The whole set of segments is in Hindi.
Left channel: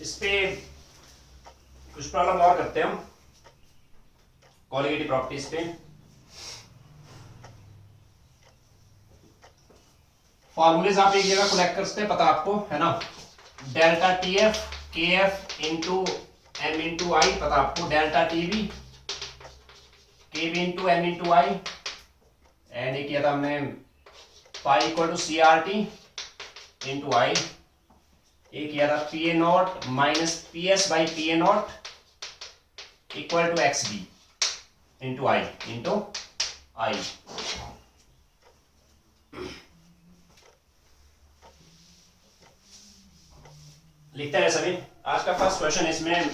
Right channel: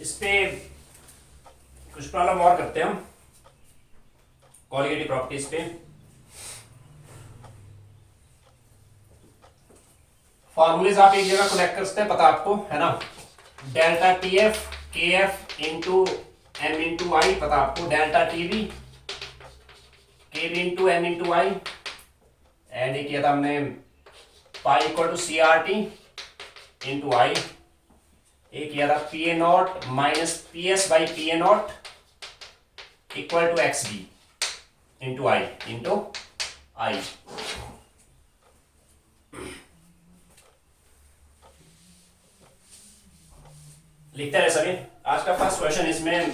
इस पे कुछ प्रॉब्लम और करते हैं हम कोलिगेटिव प्रॉपर्टीज पे। फॉर्मूलेज आप एक जगह कलेक्ट कर सकते हैं, पता आपको है ना। Delta T F K F into M into I, पता आपको। Delta T B K B into M into I. And ये किया था हमने pi equal to C R T into I. ये किया था P A not minus P S by P A not equal to X D into I लिखते हैं सभी। आज का फर्स्ट क्वेश्चन, इसमें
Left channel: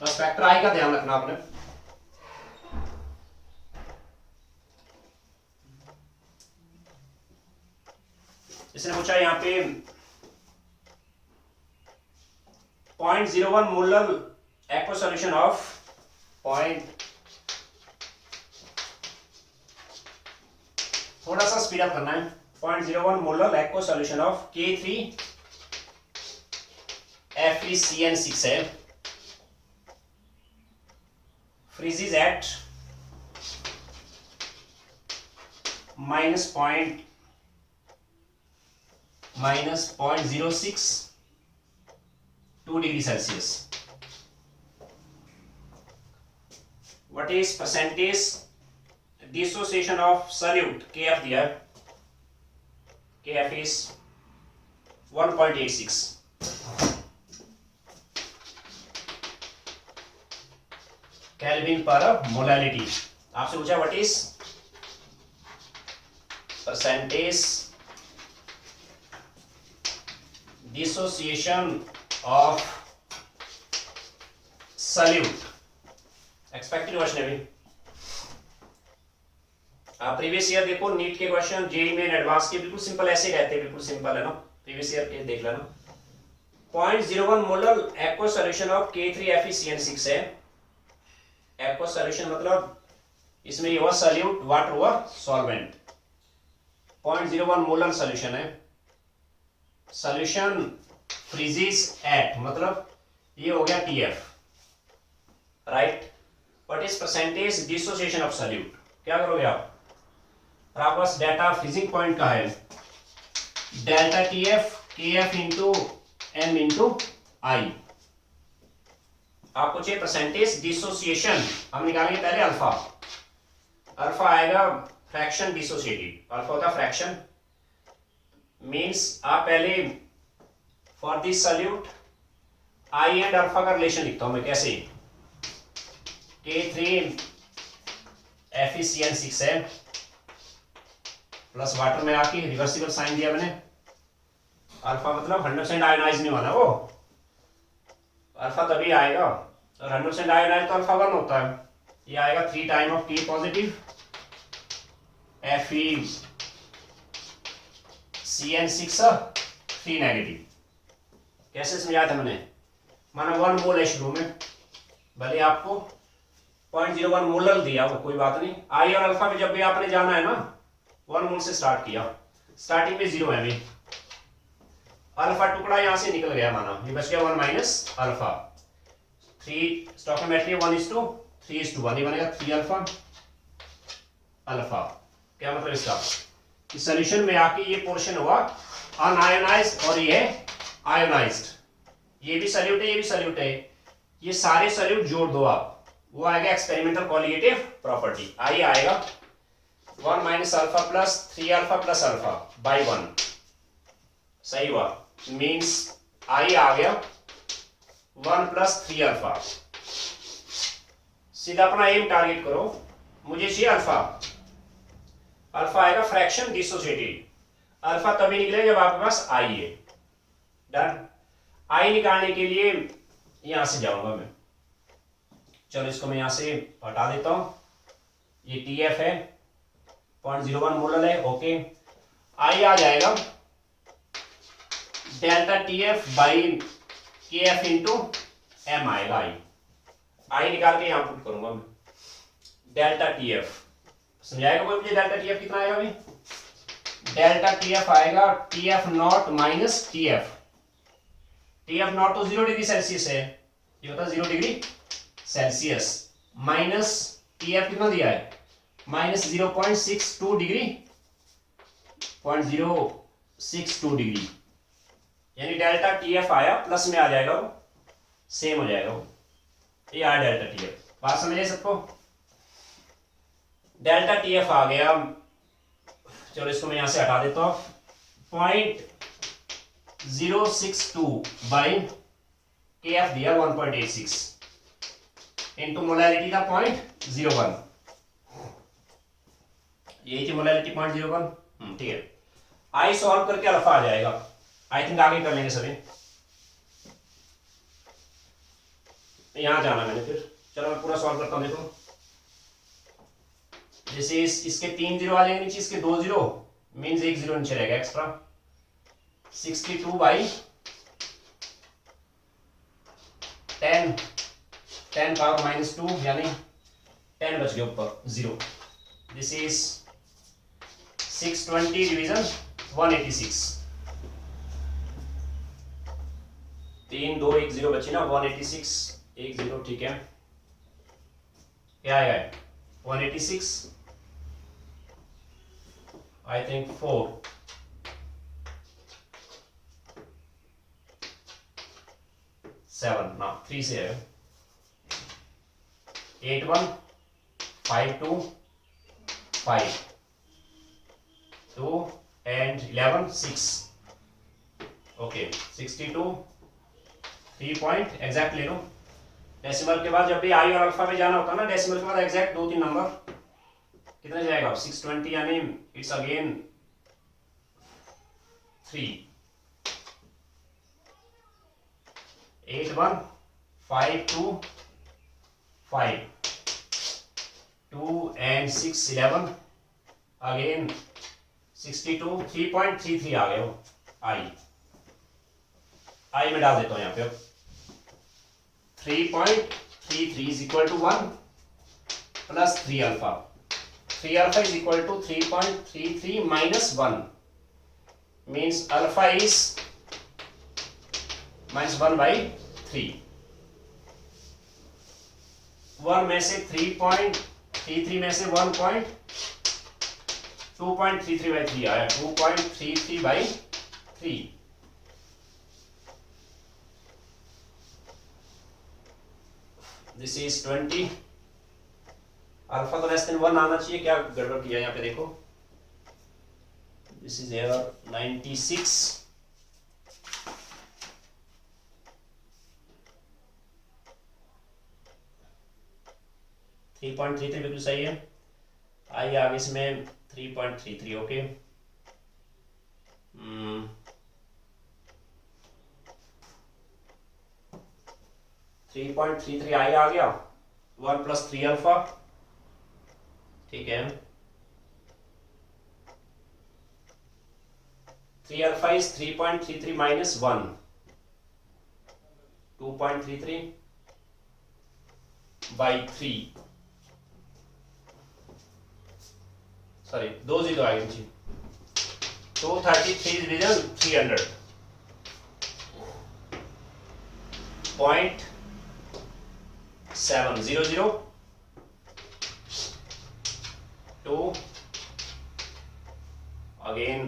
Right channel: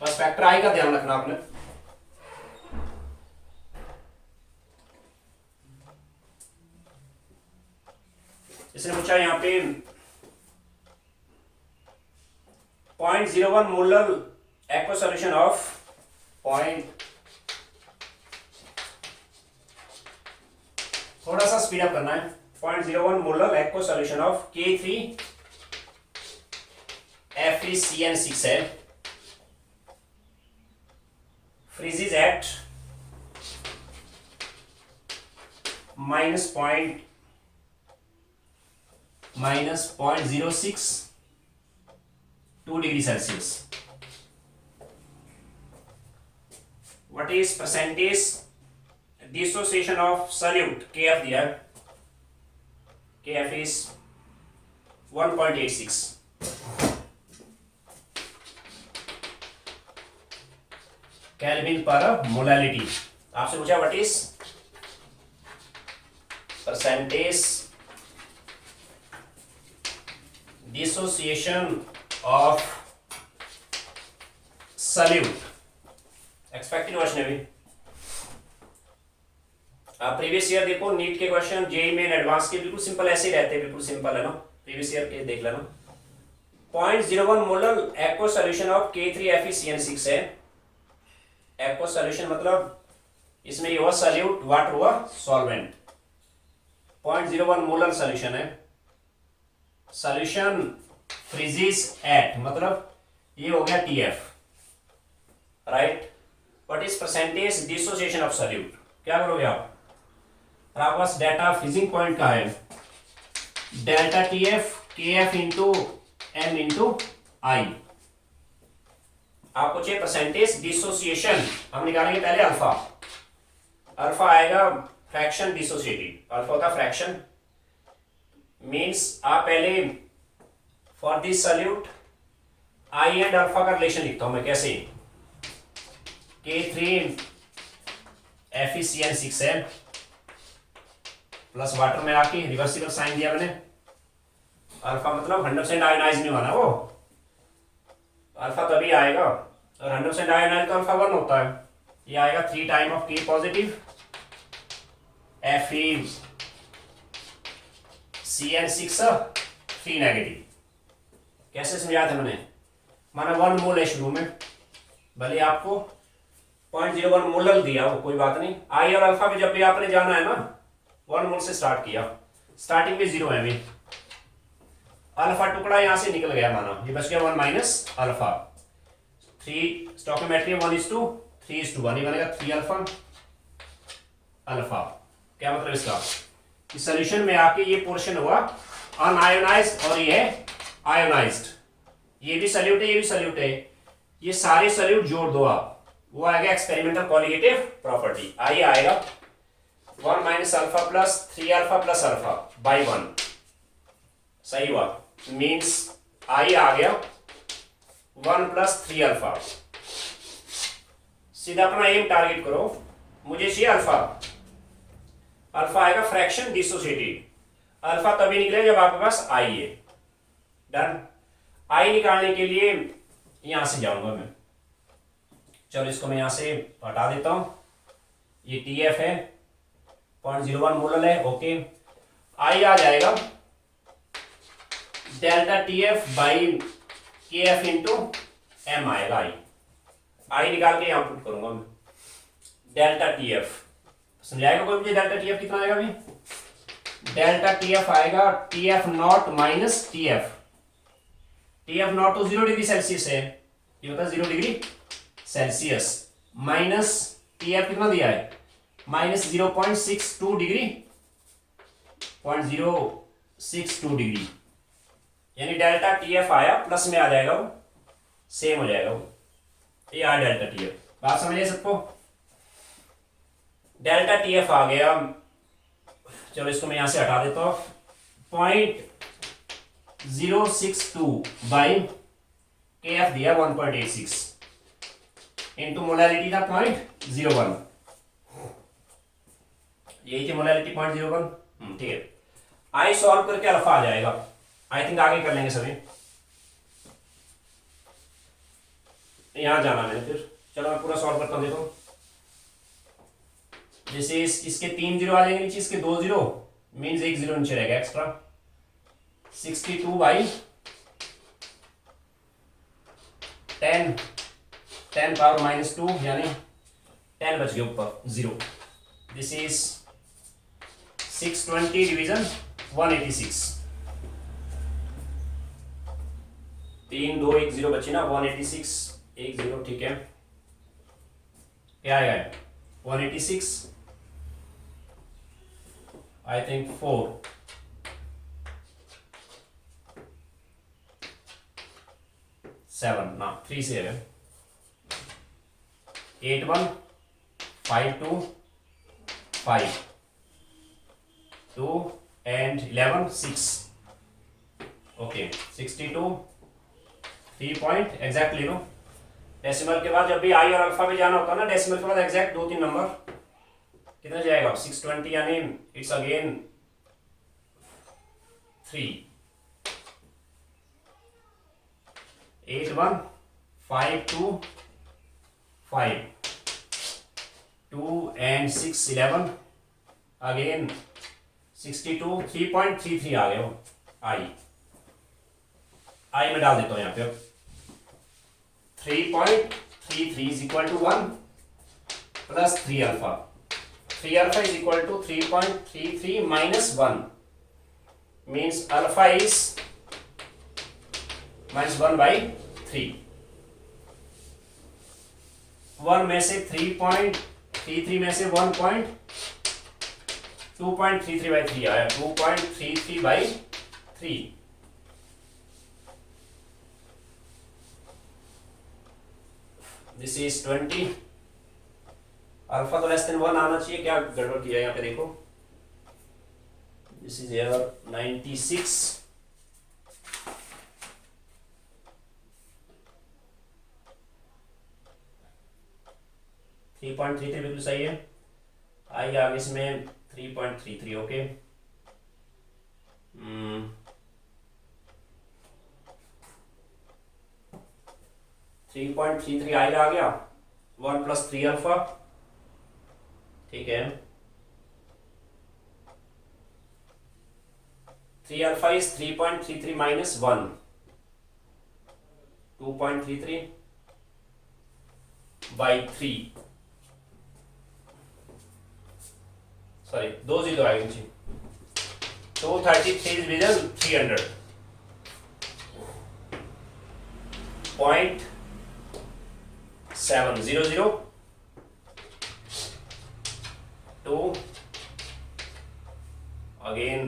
बस फैक्टर आई का ध्यान रखना आपने। इसने पूछा यहां पे 0.01 मोलर एक्वा सॉल्यूशन ऑफ थोड़ा सा स्पीड अप करना है। 0.01 molar aqua solution of K3 FeCN6L freezes at minus 0.06 2 degree Celsius. What is percentage dissociation of solute? KF there. KF is 1.86. Kelvin per molality. आपसे पूछा what is percentage dissociation of solute. Expected question है भी। प्रीवियस ईयर देखो, नीट के क्वेश्चन जेई में एडवांस के बिल्कुल सिंपल ऐसे ही रहते हैं, बिल्कुल सिंपल है ना। प्रीवियस ईयर के देख लेना। 0.01 molar aqua solution of K3 FeCN6 है। एक्वा सॉल्यूशन मतलब इसमें ये हुआ सॉल्यूट, वाटर हुआ सॉल्वेंट। 0.01 मोलर सॉल्यूशन है। सॉल्यूशन फ्रीजेस एट, मतलब ये हो गया TF, right. What is percentage dissociation of solute? क्या करोगे आप? और आपके पास डाटा फ्रीजिंग पॉइंट का है, delta TF KF into M into I. आपको चाहिए परसेंटेज डिसोसिएशन। हम निकालेंगे पहले अल्फा। अल्फा आएगा फ्रैक्शन डिसोसिएटेड। अल्फा होता है फ्रैक्शन, मीन्स आप पहले for this solute I and alpha का रिलेशन लिखता हूं मैं। कैसे? K3 FeCN6L प्लस वाटर में आके रिवर्सिबल साइन दिया मैंने। अल्फा मतलब 100% आयोनाइज नहीं होना, वो अल्फा तभी आएगा, और 100% आयोनाइज तो अल्फा 1 होता है। ये आएगा 3 time of K positive FeCN6 3 negative. कैसे समझाया था मैंने? माना 1 मोल है शुरू में, भले आपको 0.01 मोलर दिया, वो कोई बात नहीं। आई और अल्फा में जब भी आपने जाना है ना, 1 मोल से स्टार्ट किया, स्टार्टिंग में 0 है भी। अल्फा टुकड़ा यहां से निकल गया, माना ये बच गया 1 माइनस अल्फा। 3 स्टोइकियोमेट्री 1:3:1, ये बनेगा 3 अल्फा अल्फा। क्या मतलब इसका? इस सॉल्यूशन में आके ये पोर्शन हुआ अनआयोनाइज्ड और ये है आयोनाइज्ड। ये भी सॉल्यूट है, ये भी सॉल्यूट है। ये सारे सॉल्यूट जोड़ दो आप, वो आएगा एक्सपेरिमेंटल कोलिगेटिव प्रॉपर्टी। आई आएगा 1 minus alpha plus 3 alpha plus alpha by 1। सही हुआ, मीन्स आई आ गया 1 प्लस 3 अल्फा। सीधा अपना एम टारगेट करो, मुझे चाहिए अल्फा। अल्फा आएगा फ्रैक्शन डिसोसिएटेड। अल्फा तभी निकलेगा जब आपके पास आई है। डन। आई निकालने के लिए यहां से जाऊंगा मैं। चलो इसको मैं यहां से हटा देता हूं। ये TF है, 0.01 मोलर है, ओके। आई आ जाएगा delta TF by KF into M आएगा। आई निकाल के यहां पुट करूंगा मैं। डेल्टा TF समझाएगा कोई मुझे? डेल्टा TF कितना आएगा अभी? डेल्टा TF आएगा TF not minus TF T F not तो 0 डिग्री सेल्सियस है, ये होता है 0 degree Celsius, minus T F कितना दिया है, माइनस 0.62 डिग्री, 0.062 डिग्री, यानी डेल्टा टी एफ आया प्लस में आ जाएगा, वो सेम हो जाएगा वो, ये आया डेल्टा टी एफ। बात समझिए सबको, डेल्टा टी एफ आ गया। चलो इसको मैं यहां से हटा देता हूं, 0.062 बाई के एफ दिया 1.86 इंटू मोलैलिटी था 0.01, यही थी मोलैलिटी 0.01। ठीक है, आई सॉल्व करके अल्फा आ जाएगा, आई थिंक आगे कर लेंगे सभी, यहां जाना मैंने फिर, चलो मैं पूरा सॉल्व करता हूं। देखो जैसे इसके 3 जीरो आ जाएंगे नीचे, इसके 2 जीरो मीन्स 1 जीरो नीचे रहेगा एक्स्ट्रा, 62 बाई 10 पावर -2 यानी 10 बच गया ऊपर 0, दिस इज 620 डिवीजन 186, 3 2 1 0 बची ना, 186 1 0, ठीक है, क्या आएगा 186, आई थिंक 4 7 ना 3 से है, 8 1 5 2 5 2 and 11 6, ओके 62 3 पॉइंट एग्जैक्ट ले लो। डेसिमल के बाद जब भी आई और अल्फा में जाना होता है ना, डेसिमल के बाद एग्जैक्ट 2-3 नंबर कितना जाएगा, 620 यानी इट्स अगेन 3, 8 1 5 2 5 2 and 6 11 अगेन 62 3.33 आ गया वो, आई में डाल देता हूं यहां पे, 3.33 is equal to 1 plus 3 alpha, 3 alpha is equal to 3.33 minus 1 means alpha is minus 1 by 3, 1 में से 3.33 में से 2.33 by 3 आया, 2.33 by 3, दिस इज 20, अल्फा तो लेस देन 1 आना चाहिए, क्या गड़बड़ किया यहाँ पे देखो, this is error 96, three point three बिल्कुल सही है, आई आगे इसमें 3.33, ओके 3.33 आई आ गया, 1 plus 3 अल्फा, ठीक है, 3 alpha is 3.33 minus 1, 2.33 by 3, sorry 2 zero आएगी जी, 233 डिवीजन 300 .700 2 अगेन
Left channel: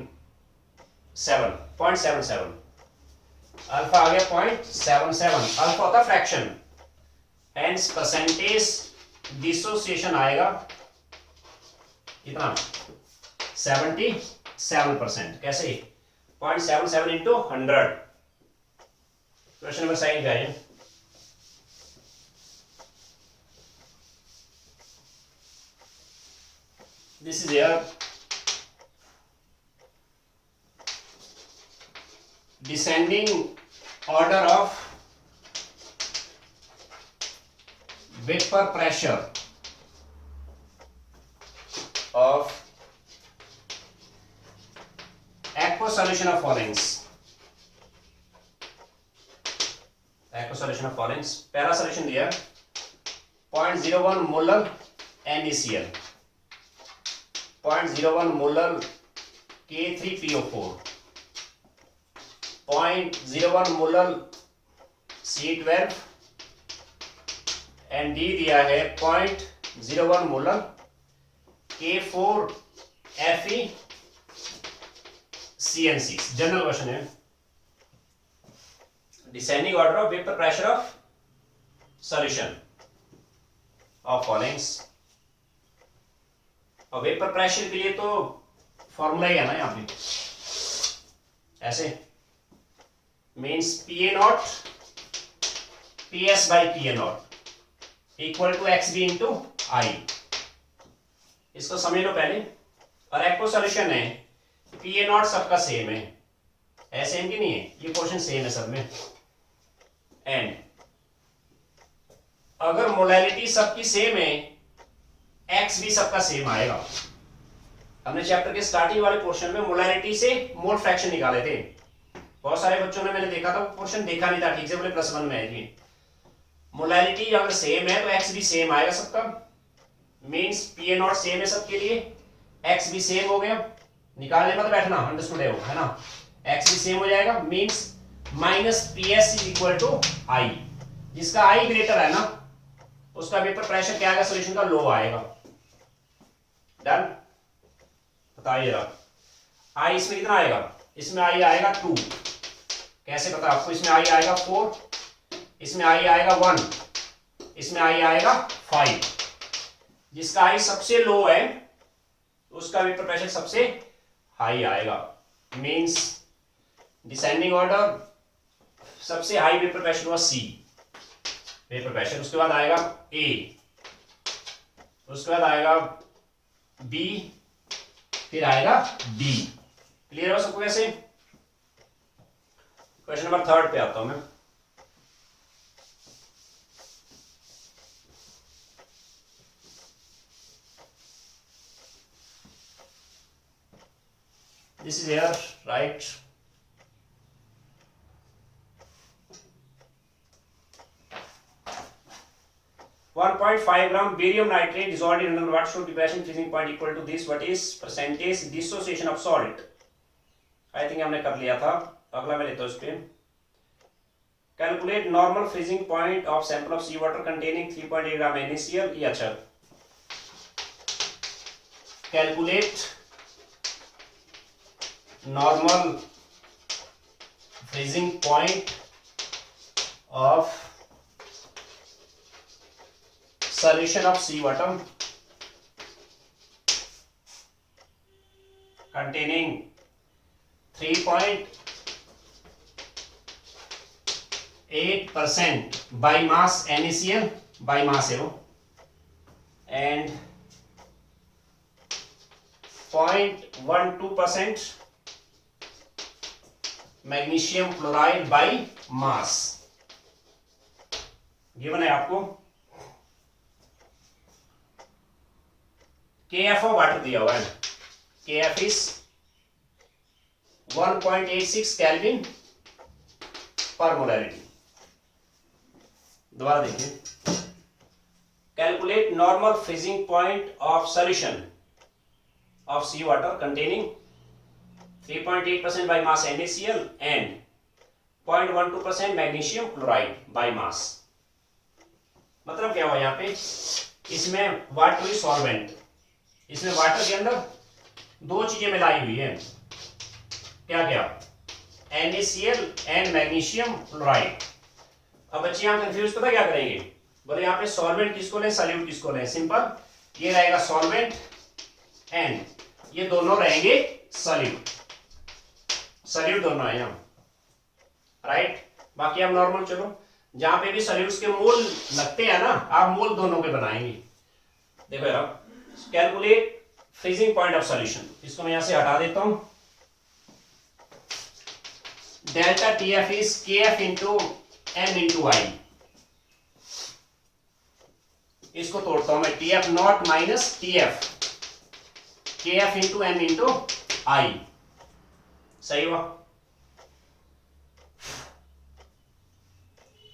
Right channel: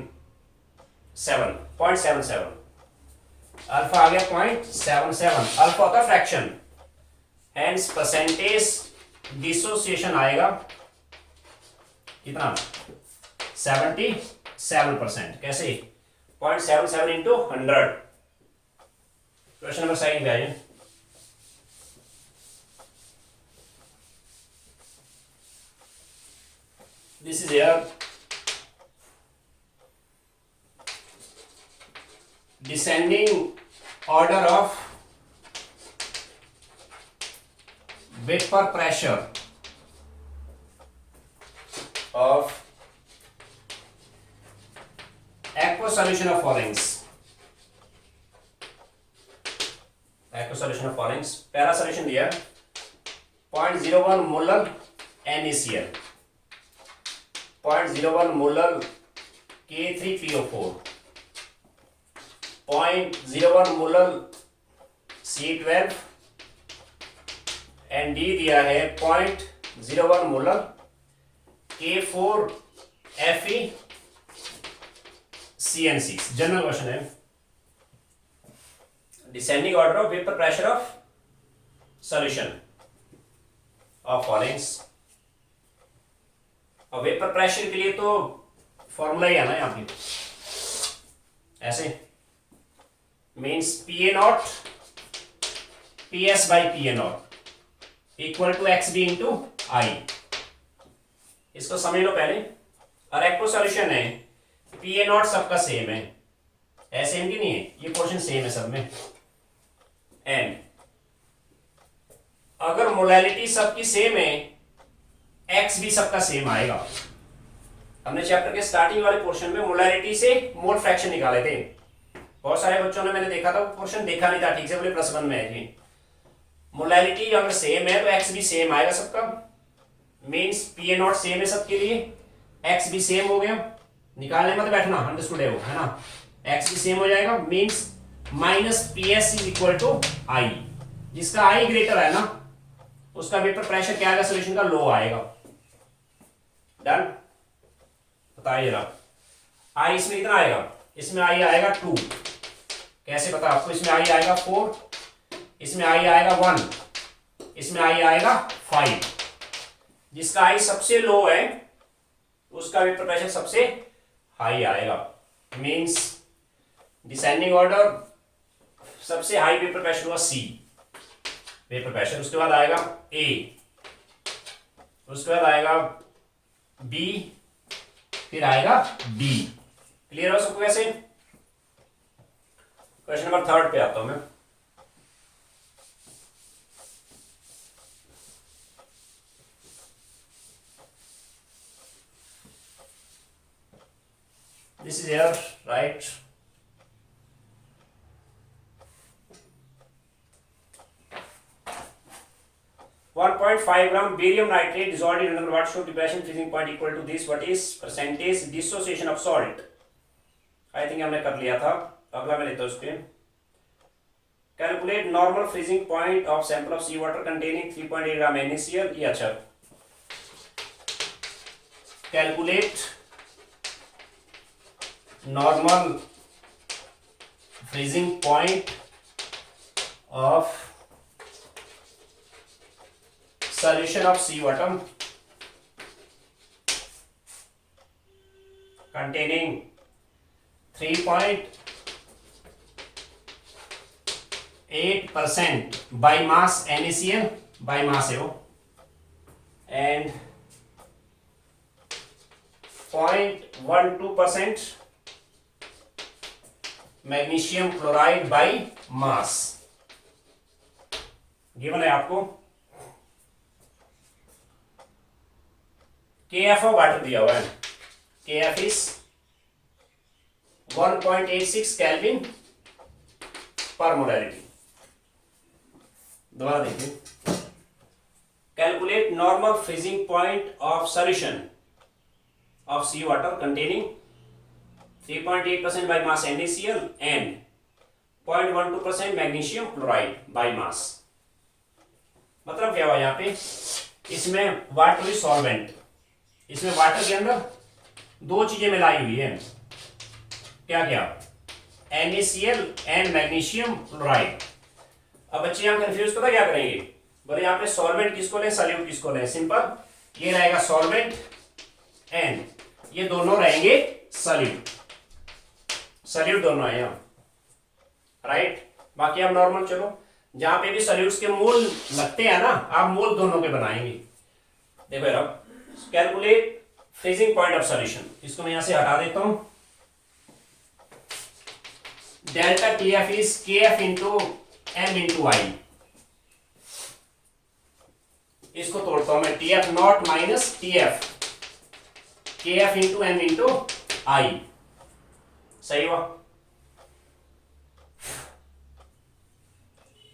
7.77, अल्फा आ गया 0.77, अल्फा होता फ्रैक्शन, हेंस परसेंटेज डिसोसिएशन आएगा कितना 77%, कैसे 0.77 इंटू 100, क्वेश्चन नंबर 7 पे आइए, this is here descending order of vapor pressure of aqueous solution of orange, aqueous solution of orange, पहला solution दिया 0.01 molar NaCl, 0.01 molar K3PO4, 0.01 molar C12 and D दिया है 0.01 molar K4 Fe CN6। General question है, descending order of vapour pressure of solution of followings. और वेपर प्रेशर के लिए तो फॉर्मूला ही है ना यहां पे, ऐसे means PA0 PS by PA0 equal to XB into I। इसको समझ लो पहले। और एक्टो सॉल्यूशन है, PA0 सबका सेम है, ऐसे इनकी नहीं है, ये क्वेश्चन सेम है सब में। एंड अगर मोलैलिटी सबकी सेम है, X भी सबका सेम आएगा। हमने चैप्टर के स्टार्टिंग वाले पोर्शन में मोलैलिटी से मोल फ्रैक्शन निकाले थे। बहुत सारे बच्चों ने, मैंने देखा था वो पोर्शन देखा नहीं था ठीक से, बोले +1 में है जी। मोलैलिटी अगर सेम है तो X भी सेम आएगा सबका, मीन्स PA0 सेम है सबके लिए, X भी सेम हो गया। निकालने में तो बैठना, अंडरस्टूड है वो, है ना। X भी सेम हो जाएगा, means -PS is equal to I। जिसका I ग्रेटर है ना, उसका वेपर प्रेशर क्या आएगा, सॉल्यूशन का लो आएगा। डन, बताइए जरा। I इसमें कितना आएगा, इसमें I आएगा 2। कैसे पता आपको, इसमें I आएगा 4, इसमें I आएगा 1, इसमें I आएगा 5। जिसका I सबसे लो है उसका वेपर प्रेशर सबसे हाई आएगा। मींस डिसेंडिंग ऑर्डर सबसे हाई वेपर प्रेशर हुआ C वेपर प्रेशर, उसके बाद आएगा A, उसके बाद आएगा B, फिर आएगा D। क्लियर हो सबको? कैसे? क्वेश्चन नंबर 3 पे आता हूं मैं। This is here, right? (1.5 gram barium nitrate dissolved in under water should depression freezing point equal to this. What is percentage dissociation of salt? I think हमने कर लिया था। अगला मैं लेता हूँ इस पे। Calculate normal freezing point of sample of sea water containing 3.8 gram NaCl। ये अच्छा। Calculate normal freezing point of solution of sea water containing 3.8% by mass NaCl, by mass है वो, and 0.12% magnesium chloride by mass. Given है आपको। KF ऑफ वाटर दिया हुआ है, KF is 1.86 kelvin per molarity. दोबारा देखिए। Calculate normal freezing point of solution of sea water containing 3.8% by mass NaCl and 0.12% magnesium chloride by mass। मतलब क्या हुआ यहाँ पे, इसमें वाटर इज सॉल्वेंट, इसमें वाटर के अंदर दो चीजें मिलाई हुई है। क्या क्या? NaCl and magnesium chloride. अब बच्चे यहाँ कंफ्यूज पता क्या करेंगे, बोले यहाँ पे सॉल्वेंट किसको लें, सॉल्यूट किसको लें। सिंपल, ये रहेगा सॉल्वेंट एंड ये दोनों रहेंगे सॉल्यूट। सॉल्यूट दोनों है यहाँ, राइट। बाकी आप नॉर्मल चलो, जहां पे भी सॉल्यूट्स के मोल लगते हैं ना, आप मोल दोनों के बनाएंगे। देखो यार, calculate freezing point of solution. इसको मैं यहां से हटा देता हूं। Delta TF is KF into M into I। इसको तोड़ता हूं मैं, TF not minus TF, KF into M into I। सही हुआ।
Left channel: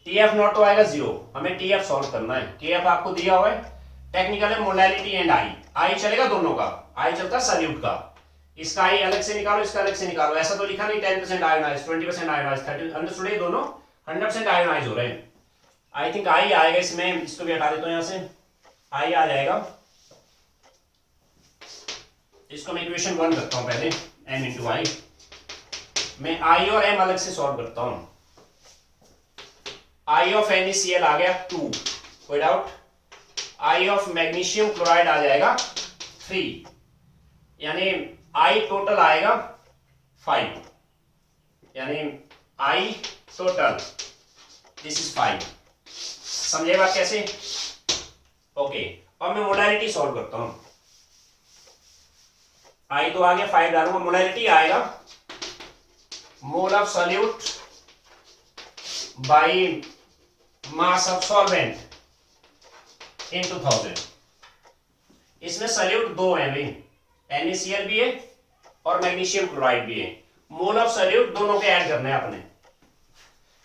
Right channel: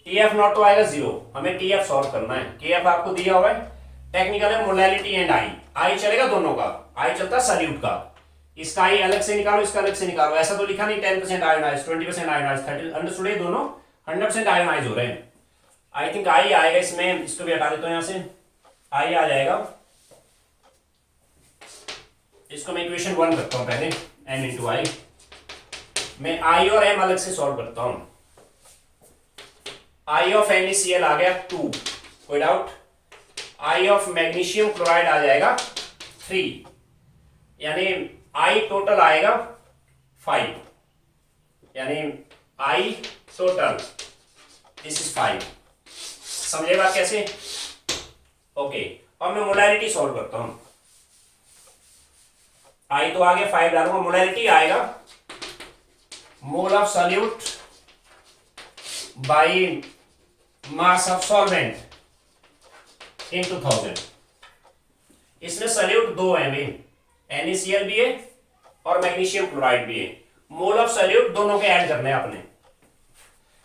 TF नॉट तो आएगा 0, हमें TF सॉल्व करना है। KF आपको दिया हुआ है, टेक्निकल है मोलैलिटी एंड I चलेगा दोनों का, I चलता है सॉल्यूट का। इसका I अलग से निकालो, इसका अलग से निकालो। ऐसा तो लिखा नहीं 10% आयोनाइज, 20% आयोनाइज, 30, अंडरस्टूड है। दोनों 100% आयोनाइज हो रहे हैं। आई थिंक आई आएगा इसमें, इसको भी हटा देता हूं यहां से, आई आ जाएगा। इसको मैं इक्वेशन 1 करता हूं पहले, m इंटू आई। मैं आई और m अलग से सॉल्व करता हूं। आई ऑफ NaCl आ गया 2, कोई doubt. I of magnesium chloride आ जाएगा 3, यानी आई टोटल आएगा 5, यानी आई टोटल दिस इज 5। समझे बात कैसे? ओके, अब मैं मोलैरिटी सॉल्व करता हूं। आई तो आ गया, 5 डालूंगा, मोलैरिटी आएगा मोल of solute by mass of solvent into 1000। इसमें सॉल्यूट दो है भाई, NaCl भी है और मैग्नीशियम क्लोराइड भी है। मोल ऑफ सॉल्यूट दोनों के ऐड करने हैं आपने,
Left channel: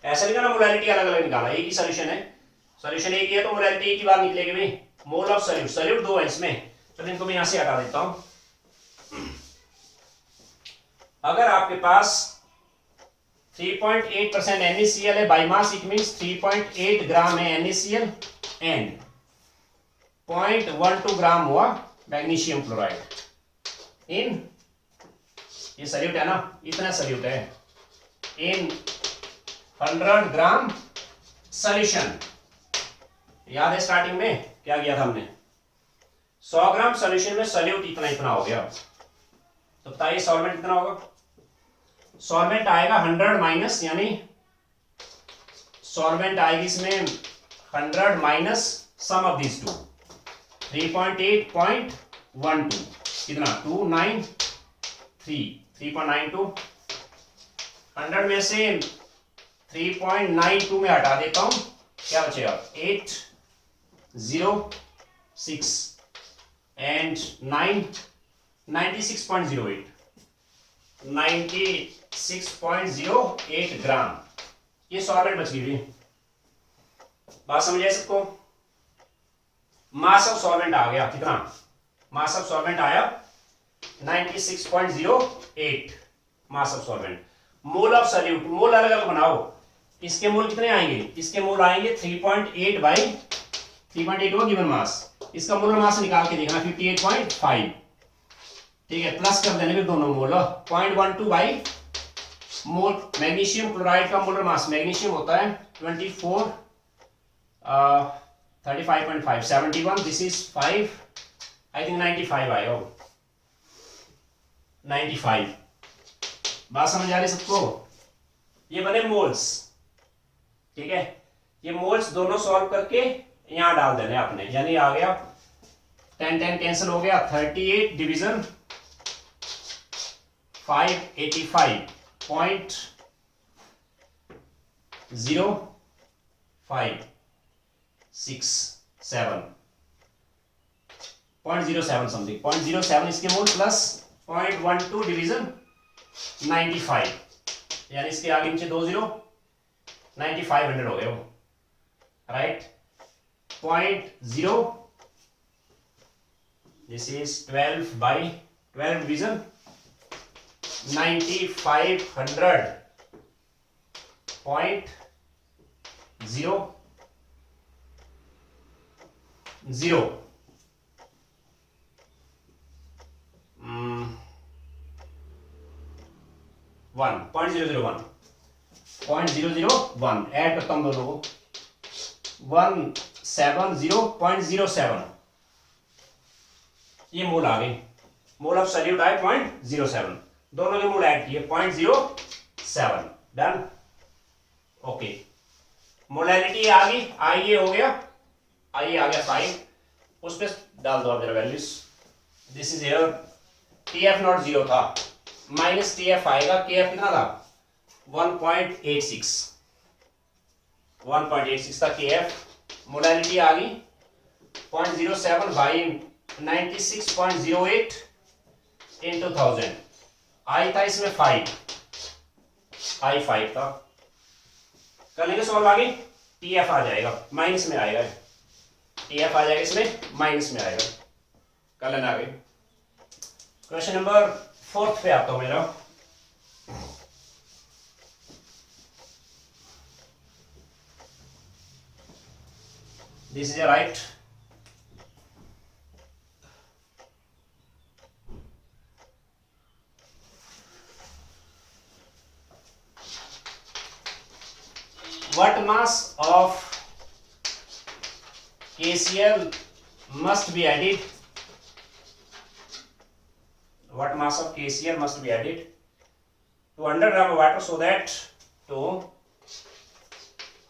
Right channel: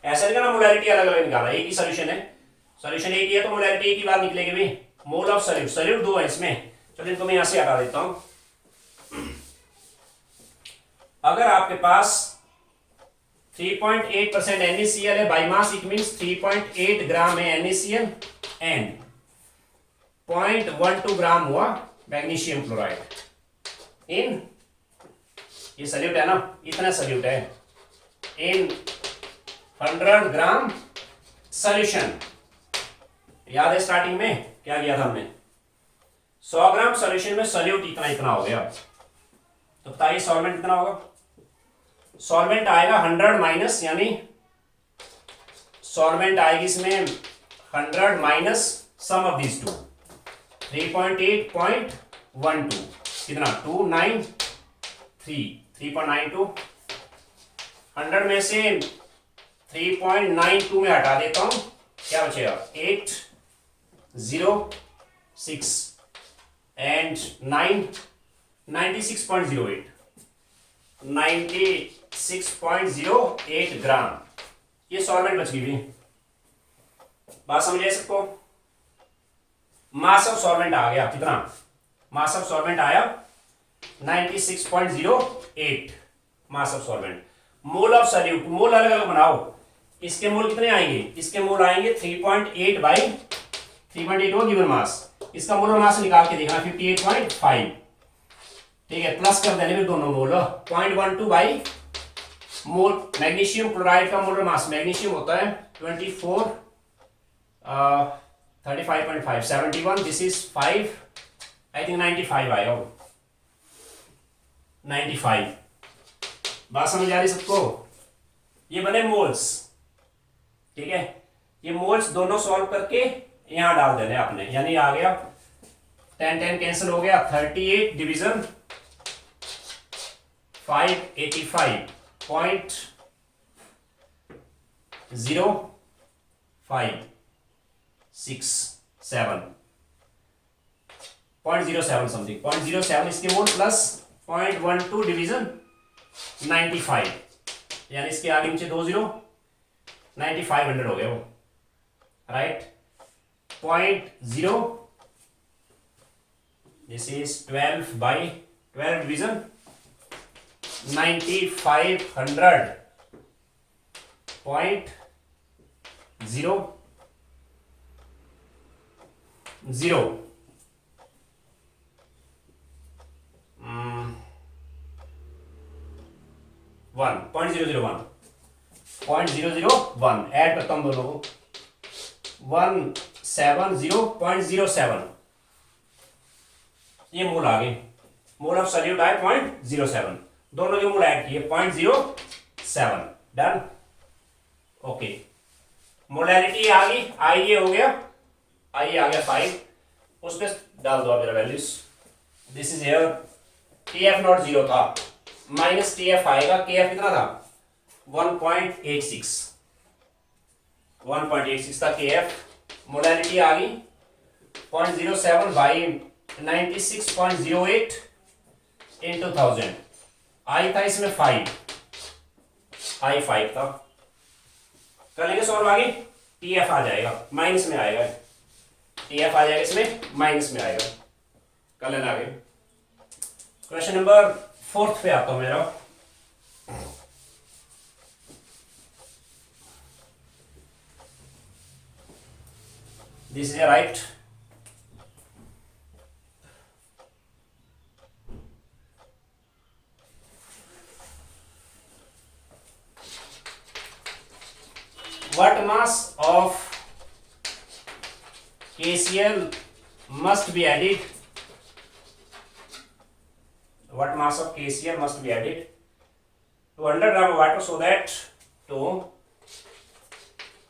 ऐसा नहीं करना मोलैरिटी अलग अलग निकाला, एक ही सॉल्यूशन है, सॉल्यूशन एक ही है तो मोलैरिटी एक ही बार निकलेगी भाई। मोल ऑफ सॉल्यूट, सॉल्यूट दो है इसमें, चलो इनको मैं यहां से हटा देता हूं। अगर आपके पास 3.8% NaCl है बाई मास, इट मींस 3.8 ग्राम है NaCl एंड 0.12 ग्राम हुआ मैग्नीशियम क्लोराइड इन, ये सल्यूट है ना, इतना सल्यूट है इन 100 ग्राम सॉल्यूशन। याद है स्टार्टिंग में क्या किया था हमने, 100 ग्राम सॉल्यूशन में सॉल्यूट इतना इतना हो गया, तो बताइए सॉल्वेंट कितना होगा? सॉल्वेंट आएगा 100 माइनस, यानी सॉल्वेंट आएगी इसमें 100 minus sum of these two, 3.8.12 कितना 293, 3.92। 100 में से 3.92 में हटा देता हूं, क्या बचेगा 806 एंड 96.08, 96.08 ग्राम ये सॉल्वेंट बच गई। बात समझे सबको? मास ऑफ सॉल्वेंट आ गया कितना, मास ऑफ सॉल्वेंट आया 96.08 mass of solvent. Mole of solute, mole अलग अलग बनाओ, इसके मोल कितने आएंगे, इसके मोल आएंगे 3.8 बाई 3.8 वो गिवन मास, इसका मोलर मास निकाल के देखना 58.5, ठीक है, प्लस कर देने भी दोनों मोल। 0.12 बाई मोल मैग्नीशियम क्लोराइड का मोलर मास, मैग्नीशियम होता है 24 35.5 71, दिस इज 5, आई थिंक 95 आएगा वो, 95। बात समझ आ रही सबको? ये बने मोल्स, ठीक है, ये मोल्स दोनों सॉल्व करके यहां डाल देने आपने, यानी आ गया 10 10 कैंसिल हो गया, 38 डिवीजन 585.0567 समथिंग 0.07 इसके मोल प्लस 0.12 डिवीजन 95, यानी इसके आगे नीचे 20 9500 हो गए वो, right. 0.0 this is 12 by 12 division 9500 0.00 0.001 add करता हूं दोनों को 170.07, ये मोल आ गई, मोल ऑफ सॉल्यूट आए 0.07, दोनों के मोल ऐड किए 0.07, डन। ओके, मोलैरिटी आ गई, आई ये हो गया, आई आ गया 5, उस पर डाल दो आप जरा values, this is here TF not 0 था, माइनस TF आएगा, KF कितना था 1.86 था KF, मोलैरिटी आ गई 0.07 बाई 96.08 इंटू 1000, आई था इसमें 5, आई 5 था, कर लेंगे सॉल्व, आगे TF आ जाएगा, माइनस में आएगा, TF आ जाएगा इसमें माइनस में आएगा, कर लेना आगे। क्वेश्चन नंबर 4 पे आता हूं मेरा। This is a right. What mass of KCl must be added? What mass of KCl must be added to 100 gram of water so that to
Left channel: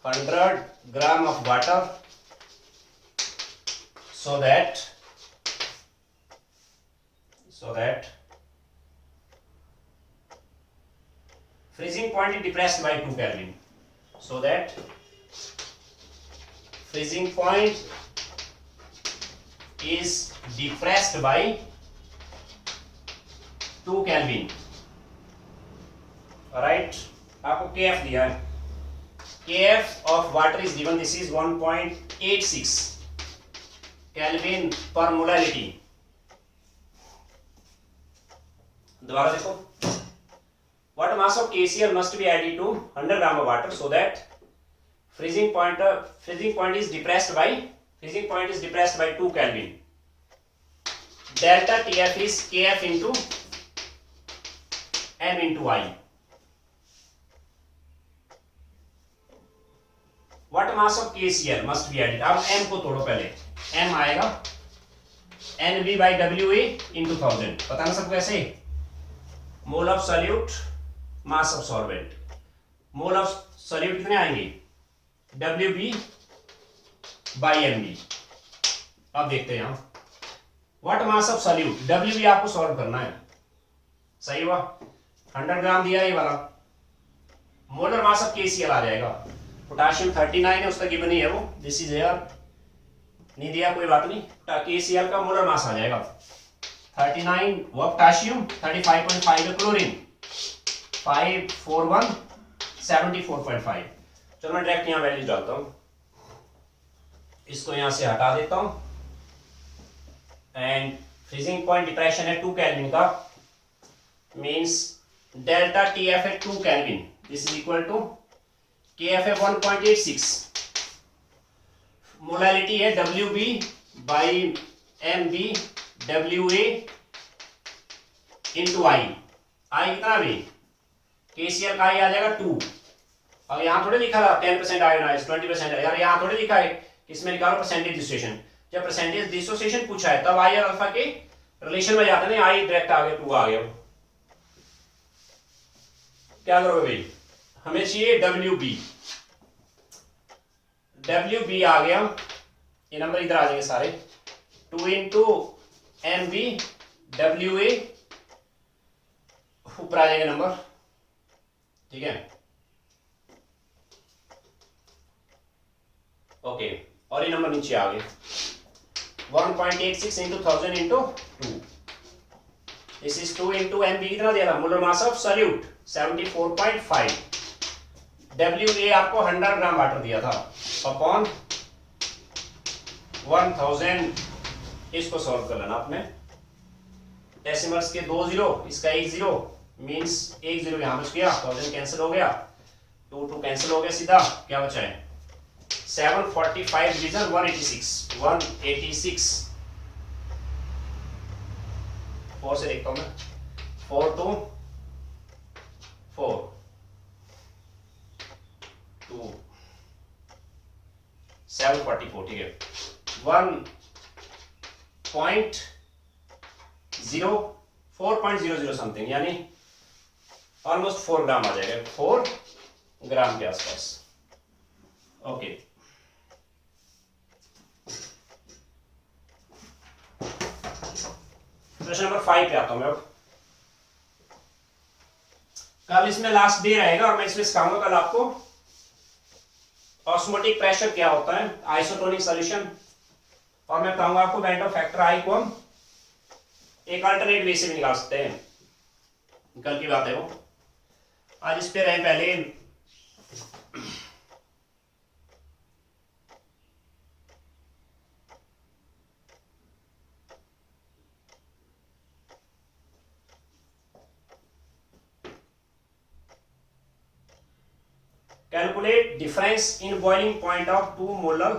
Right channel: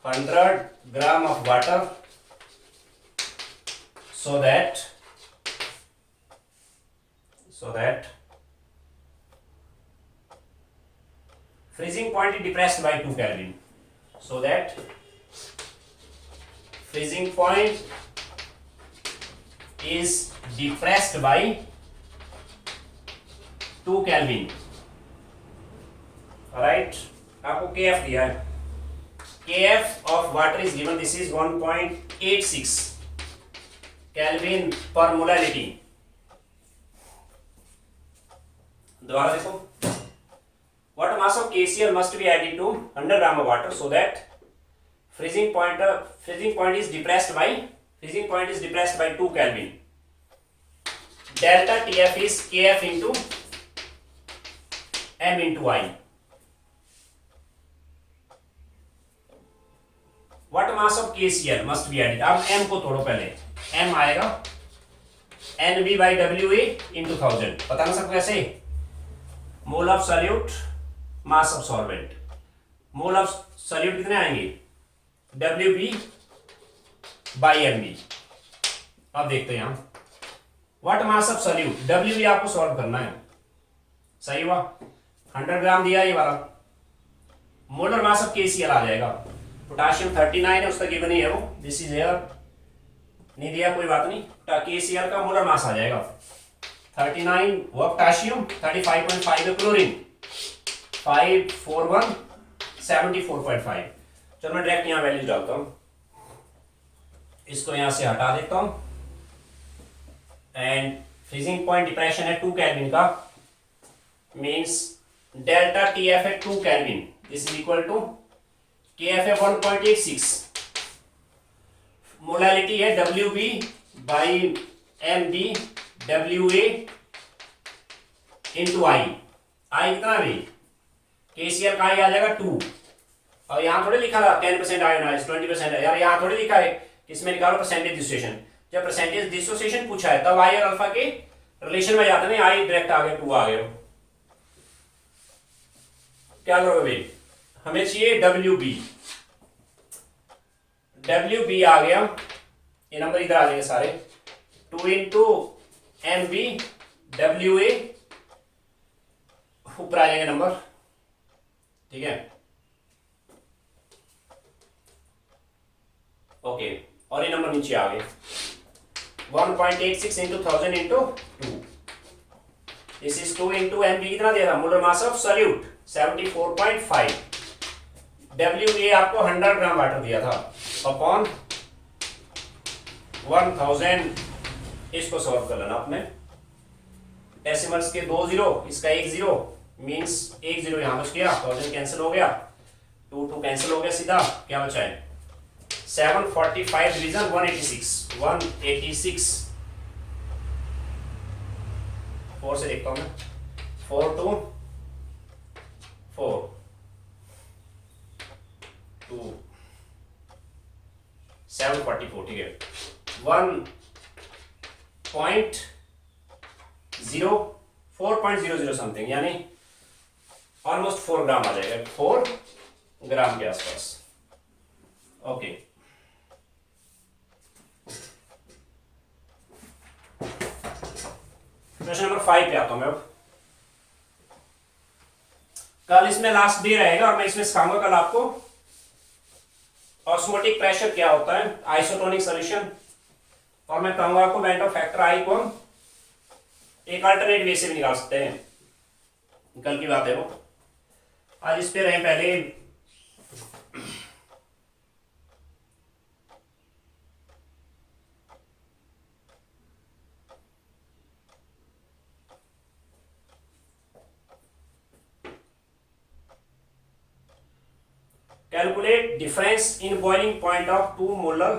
100 gram of water so that freezing point is depressed by 2 Kelvin. So that freezing point is depressed by 2 Kelvin. Alright, आपको KF दिया है. KF of water is given. This is 1.86 Kelvin per molality. दोबारा देखो. What mass of KCl must be added to 100 gram of water so that freezing point is depressed by 2 Kelvin. Delta TF is KF into M into I. What mass of KCl must be added? अब M को तोड़ो पहले. M आएगा NB by WA into 1000. पता ना सबको ऐसे. मोल of solute, mass of solvent. Mole of solute कितने आएंगे? WB by MB. अब देखते हैं यहाँ. What mass of solute? WB आपको सॉल्व करना है. सही हुआ. 100 ग्राम दिया ये वाला. मोलर मास ऑफ KCl आ जाएगा. पोटाशियम 39 है, उसका गिवन नहीं है वो. This is air. नहीं दिया कोई बात नहीं. KCl का मोलर मास आ जाएगा 39 वो पोटाशियम, 35.5 है क्लोरीन, 541 74.5. चलो मैं डायरेक्ट यहाँ वैल्यू डालता हूँ. इसको यहाँ से हटा देता हूँ. एंड फ्रीजिंग पॉइंट डिप्रेशन है 2 केल्विन का. मीन्स डेल्टा TF है 2 kelvin. This is equal to KF है 1.86. मोलालिटी है WB by MB WA into I. I कितना भी? KCl का I आ जाएगा 2. और यहाँ थोड़े लिखा था 10% आयोनाइज 20% यार. यहाँ थोड़े लिखा है. इसमें निकालो परसेंटेज डिसोसिएशन. जब परसेंटेज डिसोसिएशन पूछा है तब I और अल्फा के रिलेशन में जाता नहीं. I डायरेक्ट आ गया 2 आ गया. क्या करोगे भाई? हमें चाहिए WB. WB आ गया. ये नंबर इधर आ जाएंगे सारे. 2 इंटू MB WA ऊपर आ जाएंगे नंबर. ठीक है. ओके. और ये नंबर नीचे आ गए. 1.86 into 1000 into 2. This is 2 into MB कितना दिया था? Molar mass of solute 74.5. WA आपको 100 ग्राम वाटर दिया था अपॉन 1000. इसको सॉल्व कर लेना आपने. डेसिमल्स के 2 0, इसका 1 0, मींस 1 0 यहां बच गया. 1000 कैंसिल हो गया. 2 2 कैंसिल हो गया. सीधा क्या बचा है? 745 डिवीजन 186. 4 से देखता हूं मैं. 4 2 4 2 744. ठीक है. 4.00 समथिंग, यानी ऑलमोस्ट 4 ग्राम आ जाएगा. 4 ग्राम के आसपास. ओके. क्वेश्चन नंबर 5 पे आता हूं मैं अब. कल इसमें लास्ट डे रहेगा और मैं इसमें सिखाऊंगा कल आपको ऑस्मोटिक प्रेशर क्या होता है, आइसोटोनिक सॉल्यूशन, और मैं कहूंगा आपको वेंटो फैक्टर आई को हम एक अल्टरनेट वे से भी निकाल सकते हैं. कल की बात है वो. आज इस पे रहे पहले. Calculate difference in boiling point of 2 molar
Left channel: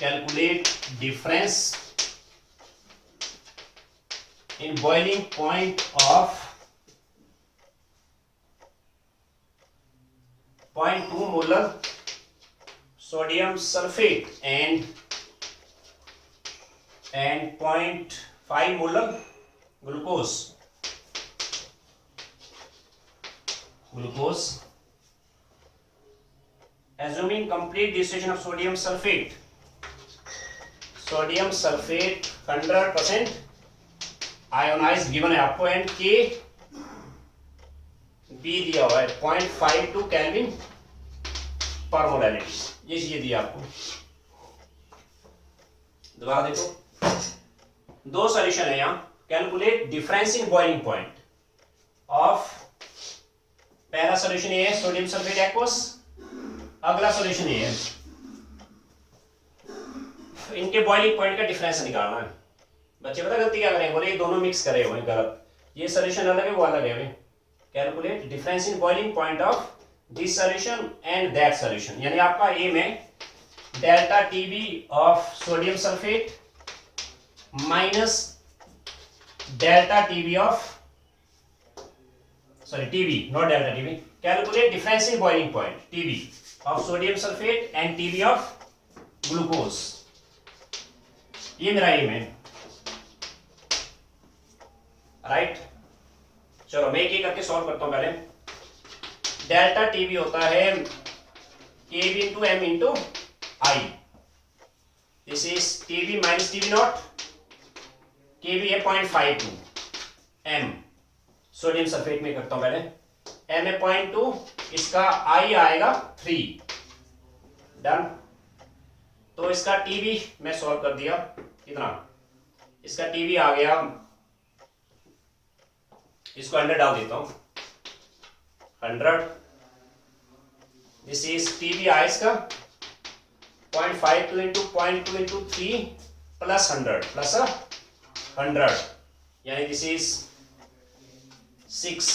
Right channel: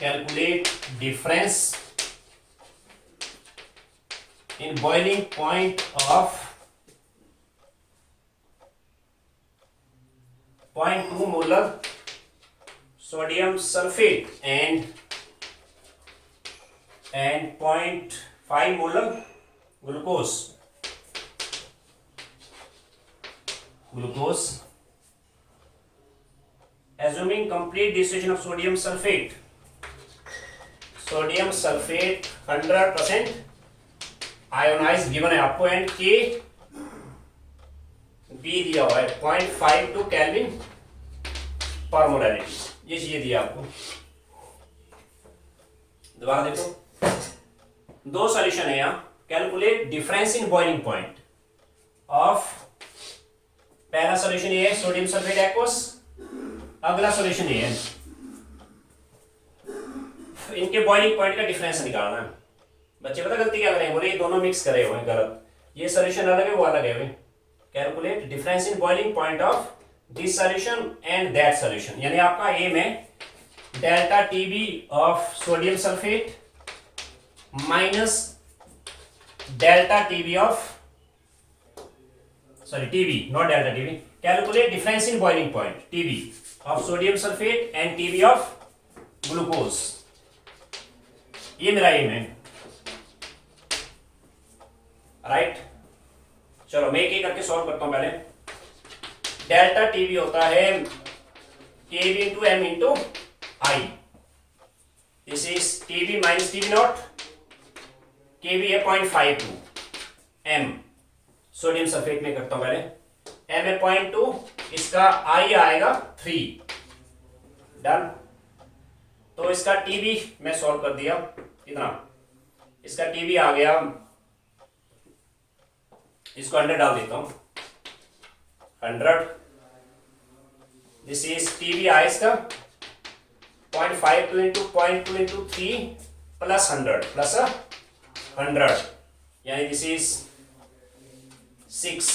calculate difference in boiling point of 0.2 molar sodium sulfate and 0.5 molar glucose assuming complete dissolution of sodium sulfate 100% ionized given है आपको एंड के बी दिया हुआ है 0.52 केल्विन पर मोलैरिटी, ये चीजें दिया आपको। दोबारा देखो, दो सॉल्यूशन है यहां। Calculate difference in boiling point of, पहला सॉल्यूशन ये है सोडियम सल्फेट एक्वस, अगला सॉल्यूशन ये है। इनके बॉइलिंग पॉइंट का डिफरेंस निकालना है। बच्चे पता गलती क्या करें, बोले ये दोनों मिक्स करे हुए हैं, गलत। ये सॉल्यूशन अलग है, वो अलग है। Calculate difference in boiling point of this solution and that solution, यानी आपका एम है delta TB of sodium sulphate minus delta TB of, sorry TB naught delta TB, calculate difference in boiling point TB of sodium sulphate end TB of glucose. ये मेरा एम है, राइट। चलो मैं एक एक करके सॉल्व करता हूं। पहले डेल्टा टीबी होता है K B into M into I, this is TB minus TB not, K B है 0.52 एम, सोडियम सल्फेट में करता हूं पहले, एम है 0.2, इसका आई आएगा 3, डन। तो इसका टीबी मैं सॉल्व कर दिया, कितना, इसका टीबी आ गया, इसको 100 डाल देता हूं, 100, दिस इज टीबी आया इसका 0.52 इंटू 0.2 इंटू 3 प्लस 100 यानी this is 6,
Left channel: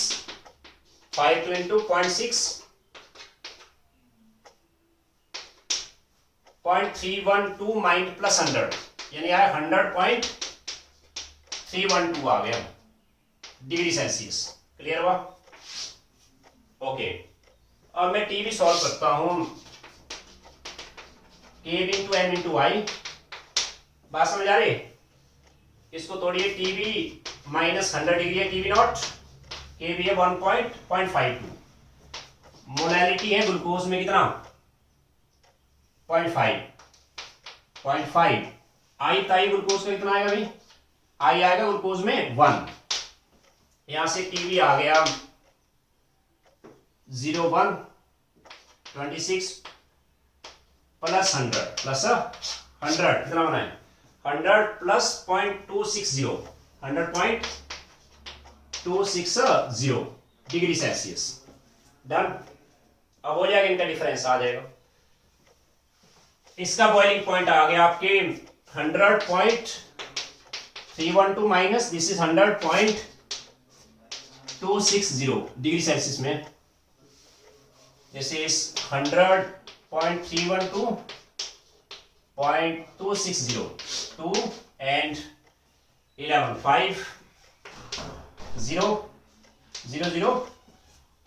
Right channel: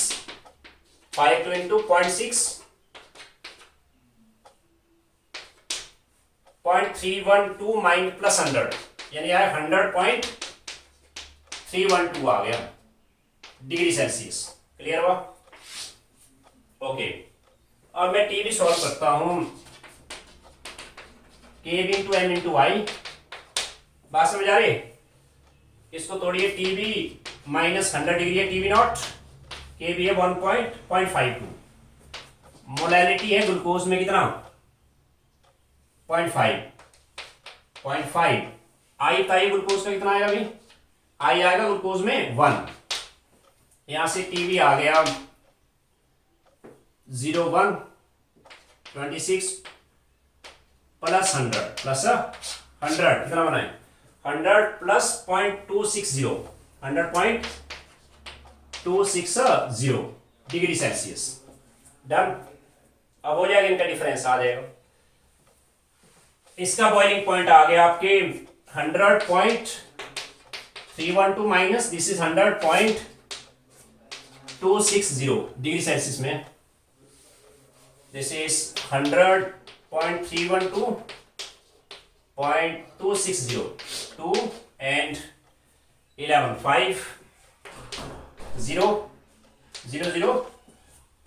52 into 0.6 0.312 mine plus 100 यानी यार 100.312 आ गया डिग्री सेल्सियस। क्लियर हुआ? ओके, अब मैं टीबी सॉल्व करता हूं, के बी इंटू एम इंटू आई, बात समझ आ रही? इसको तोड़िए, टीबी माइनस 100 डिग्री है टीबी नॉट, के बी है 1.52, मोलैलिटी है ग्लूकोज में कितना 0.5, आई ताई ग्लूकोज का कितना आएगा भाई, आई आएगा ग्लूकोज में 1, यहां से टीबी आ गया 0.1 26 प्लस 100 प्लस 100 कितना बना है 100 प्लस 0.260 100.260 डिग्री सेल्सियस, डन। अब हो जाएगा, इनका डिफरेंस आ जाएगा। इसका बॉइलिंग पॉइंट आ गया आपके 100.312 minus this is 100.260 degree Celsius में, this is 100.312.260 2 and 11 5 0 0 0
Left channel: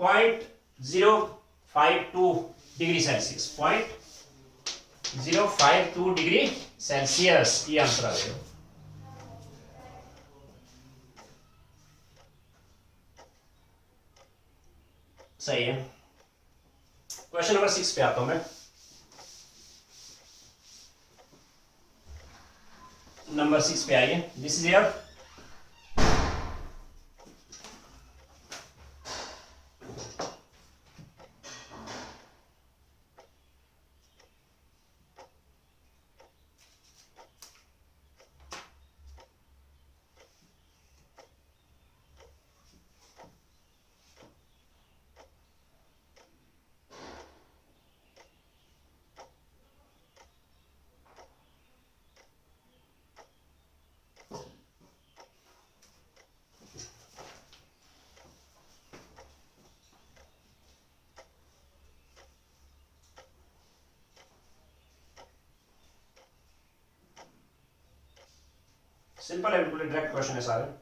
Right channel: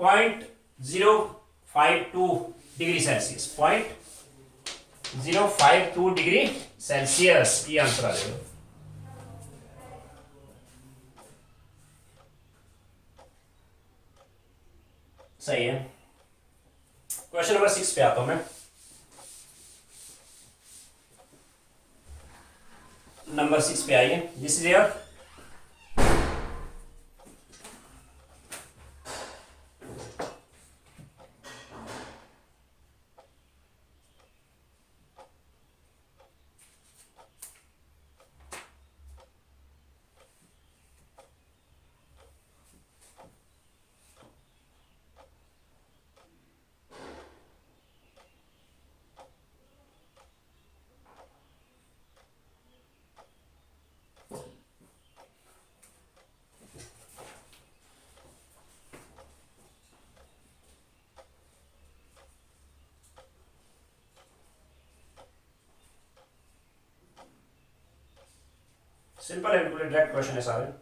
0.052 degree Celsius, 0.052 degree Celsius, ये आंसर आ जाएगा। सही है। क्वेश्चन नंबर 6 पे आता हूं मैं। नंबर 6 पे आइए, दिस इज योर सिंपल है बिल्कुल, डायरेक्ट क्वेश्चन है सारे।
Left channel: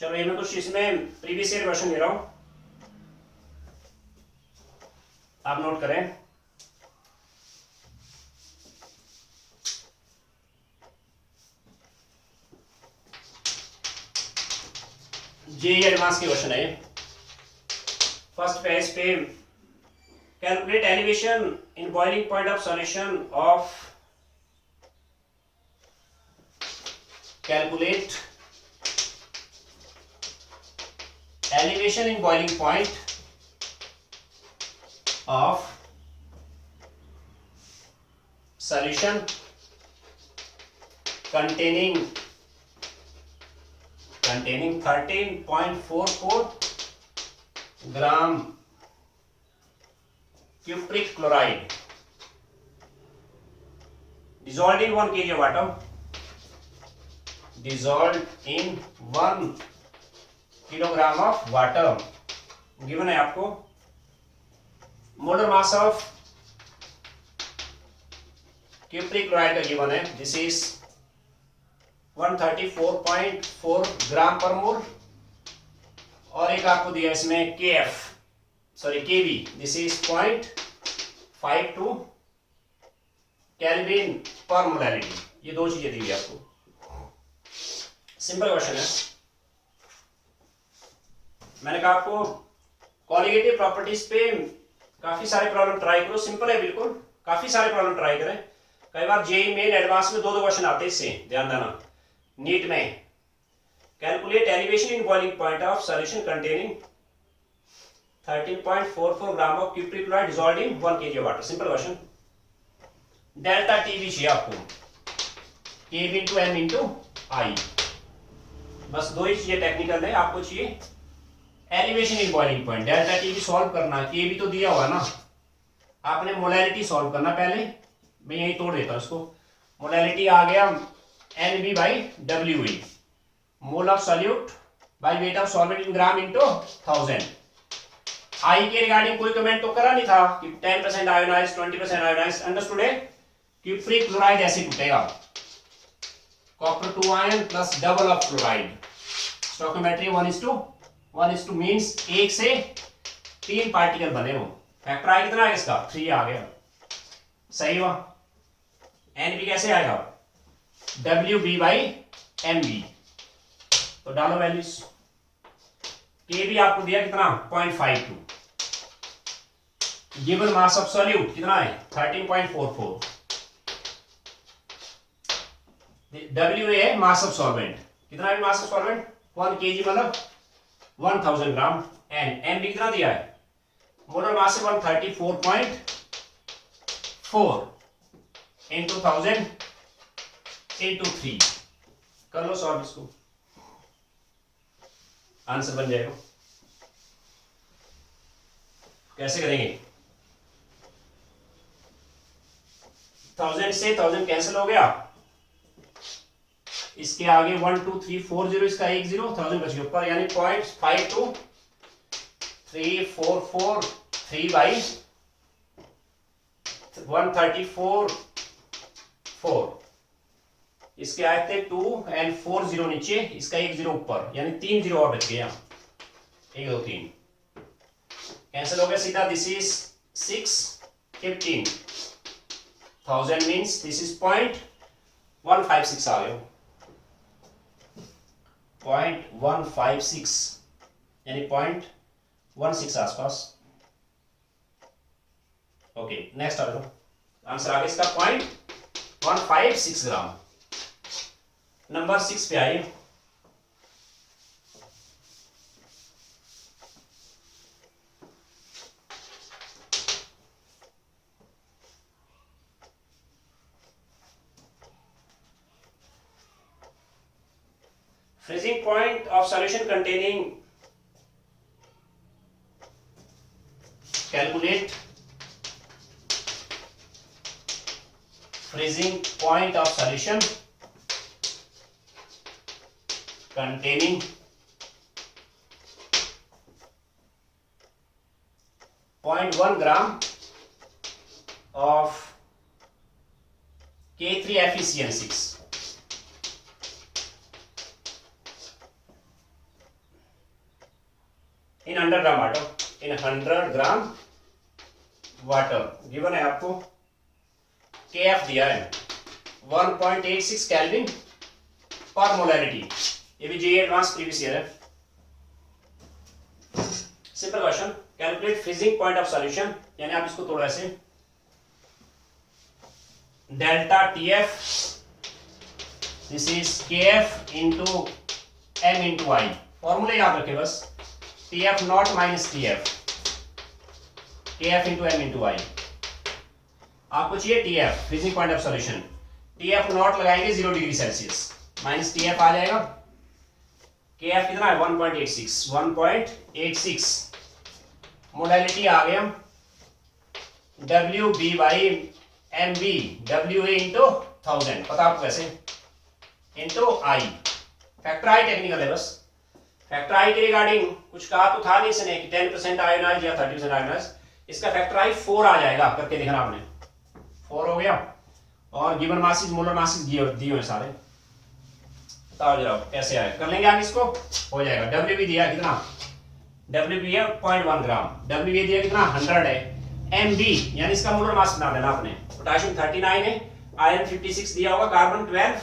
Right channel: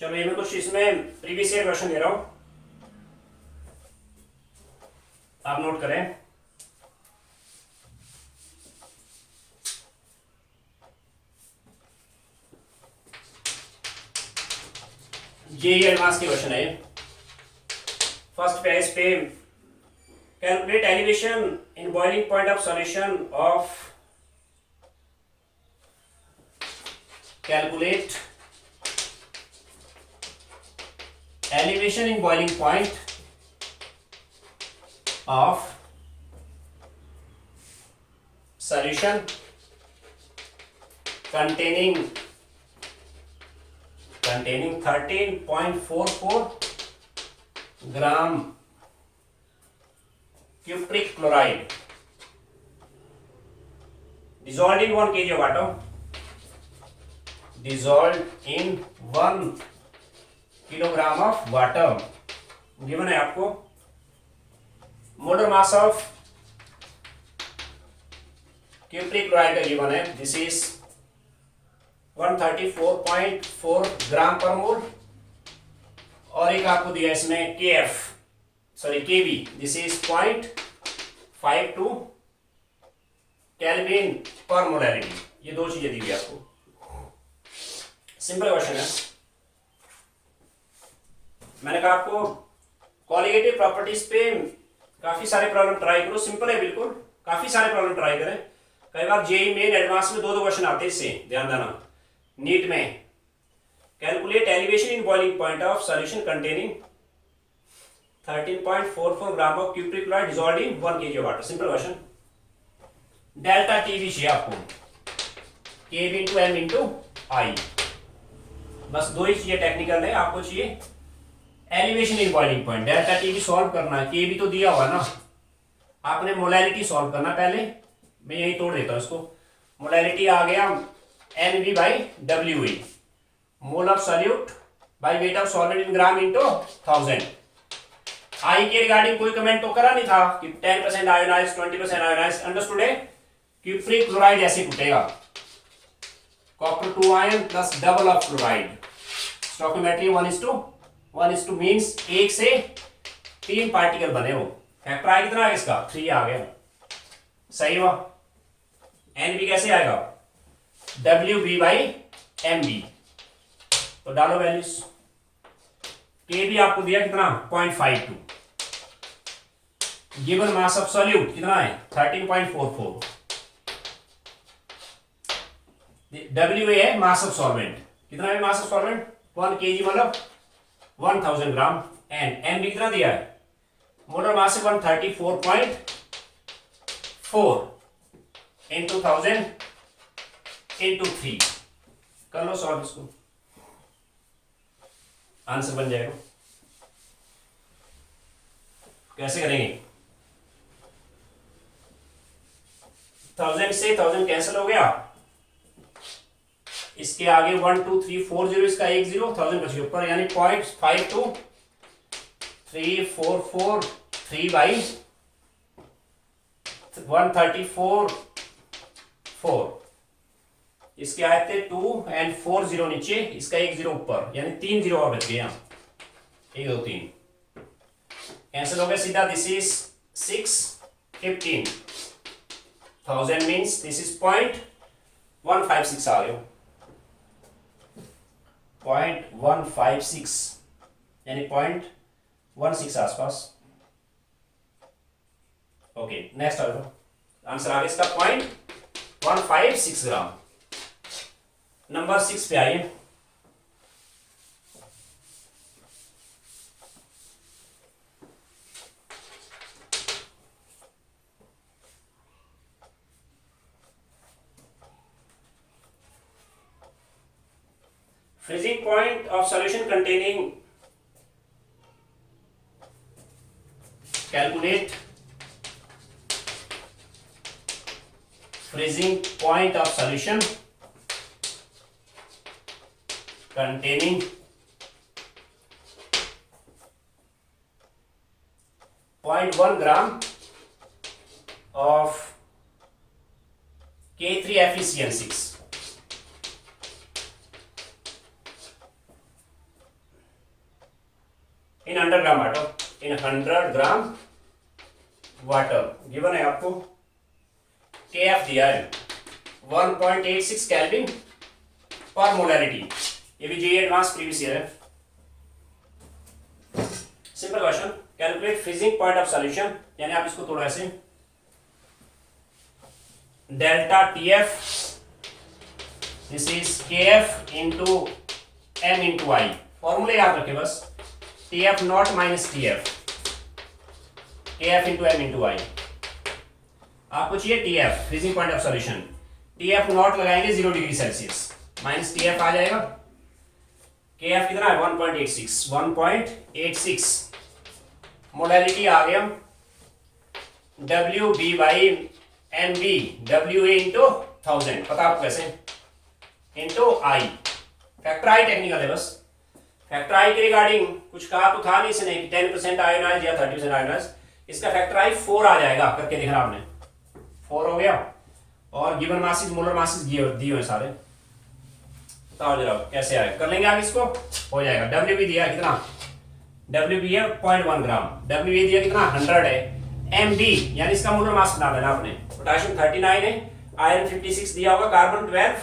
चलो ये मैं कुछ इसमें प्रीवियस ईयर क्वेश्चन दे रहा हूं, आप नोट करें। जेईई एडवांस के क्वेश्चन है। फर्स्ट पेज पे calculate elevation in boiling point of solution of, calculate elevation in boiling point of solution containing 13.44 gram cupric chloride dissolved in 1 kg of water, dissolved in 1 kilogram of water. Given है आपको molar mass of cupric chloride का गिवन है, दिस इज 134.4 ग्राम पर मोल, और एक आपको दिया इसमें केबी, this is 0.52 kelvin per molarity. ये दो चीजें दी हुई आपको, सिंपल क्वेश्चन है। मैंने कहा आपको क्वालिटेटिव प्रॉपर्टीज पे काफी सारे प्रॉब्लम ट्राई करो, सिंपल है बिल्कुल, काफी सारे प्रॉब्लम ट्राई करें। कई बार जेईई मेन एडवांस में दो क्वेश्चन आते हैं, इससे ध्यान देना। नीट में calculate elevation in boiling point of solution containing 13.44 gram of cupric chloride dissolved in 1 kg water, simple question. Delta T भी चाहिए आपको, Kb into M into I, बस दो ही चीजें टेक्निकल है। आपको चाहिए elevation in boiling point, delta T भी सॉल्व करना है, के भी तो दिया हुआ ना, आपने मोलैरिटी सॉल्व करना। पहले मैं यही तोड़ देता हूं इसको। मोलैरिटी आ गया NB by WE, mole of solute by weight of solvent in gram into 1000। आई के रिगार्डिंग कोई कमेंट तो करा नहीं था कि 10% आयोनाइज, 20% आयोनाइज, अंडरस्टूड है। क्यूप्रिक क्लोराइड ऐसे टूटेगा, copper 2 ion plus double of chloride, stoichiometry 1:1 means 1 से 3 पार्टिकल बने हो। फैक्टर आया कितना है इसका? 3 आ गया, सही हुआ। NB कैसे आएगा? WB बाई MB, तो डालो वैल्यूज। KB आपको दिया कितना? 0.52। गिवन मास ऑफ सॉल्यूट कितना है? 13.44। WA है मास ऑफ सॉल्वेंट, कितना है मास ऑफ सॉल्वेंट? 1 kg मतलब 1000 ग्राम। एंड MB कितना दिया है? मोलर मास है 134.4 इंटू 1000 इंटू 3। कर लो सॉल्व इसको, आंसर बन जाएगा। कैसे करेंगे? 1000 से 1000 कैंसिल हो गया, इसके आगे 1 2 3 4 0, इसका 1 0, 1000 बच गया ऊपर, यानी 0.52 344 3 बाई 134.4, इसके आए थे 2 एंड 4 0 नीचे, इसका 1 0 ऊपर, यानी 3 0 और बच गया। 1 2 3 कैंसिल हो गया सीधा। This is 6 15 1000 means this is 0.156 आ रहे हो, 0.156 यानी 0.16 आसपास। ओके नेक्स्ट आंसर आगे इसका 0.156 ग्राम। नंबर 6 पे आइए। Freezing point of solution containing, calculate freezing point of solution containing 0.1 gram of K3FeCN6 in 100 gram water, in 100 gram water. Given है आपको KF दिया है 1.86 केल्विन पर मोलैरिटी। ये भी जेईई एडवांस प्रीवियस ईयर है। Simple question, calculate freezing point of solution, यानी आप इसको थोड़ा ऐसे delta TF, this is KF into M into I। Formula याद रखें बस, TF not minus TF, KF into M into I। आपको चाहिए TF freezing point of solution, TF not लगाएंगे 0 डिग्री सेल्सियस, माइनस TF आ जाएगा। KF कितना है 1.86 मोलैरिटी आ गया WB/MB, WA इंटू 1000 पता आपको कैसे, into I। Factor I technical है बस। फैक्टर I के रिगार्डिंग कुछ कहा तो था नहीं इसने कि 10% आयोनाइज या 30% आयोनाइज। इसका फैक्टर I 4 आ जाएगा, करके देखना आपने, 4 हो गया। और गिवन मासेस मोलर मासेस दिए हुए सारे, बताओ जरा कैसे आए, कर लेंगे आगे इसको, हो जाएगा। WB दिया कितना, WB है 0.1 ग्राम, WB दिया कितना 100 है, MB यानी इसका मोलर मास बना देना आपने। पोटेशियम 39 है, आयरन 56 दिया होगा, कार्बन 12,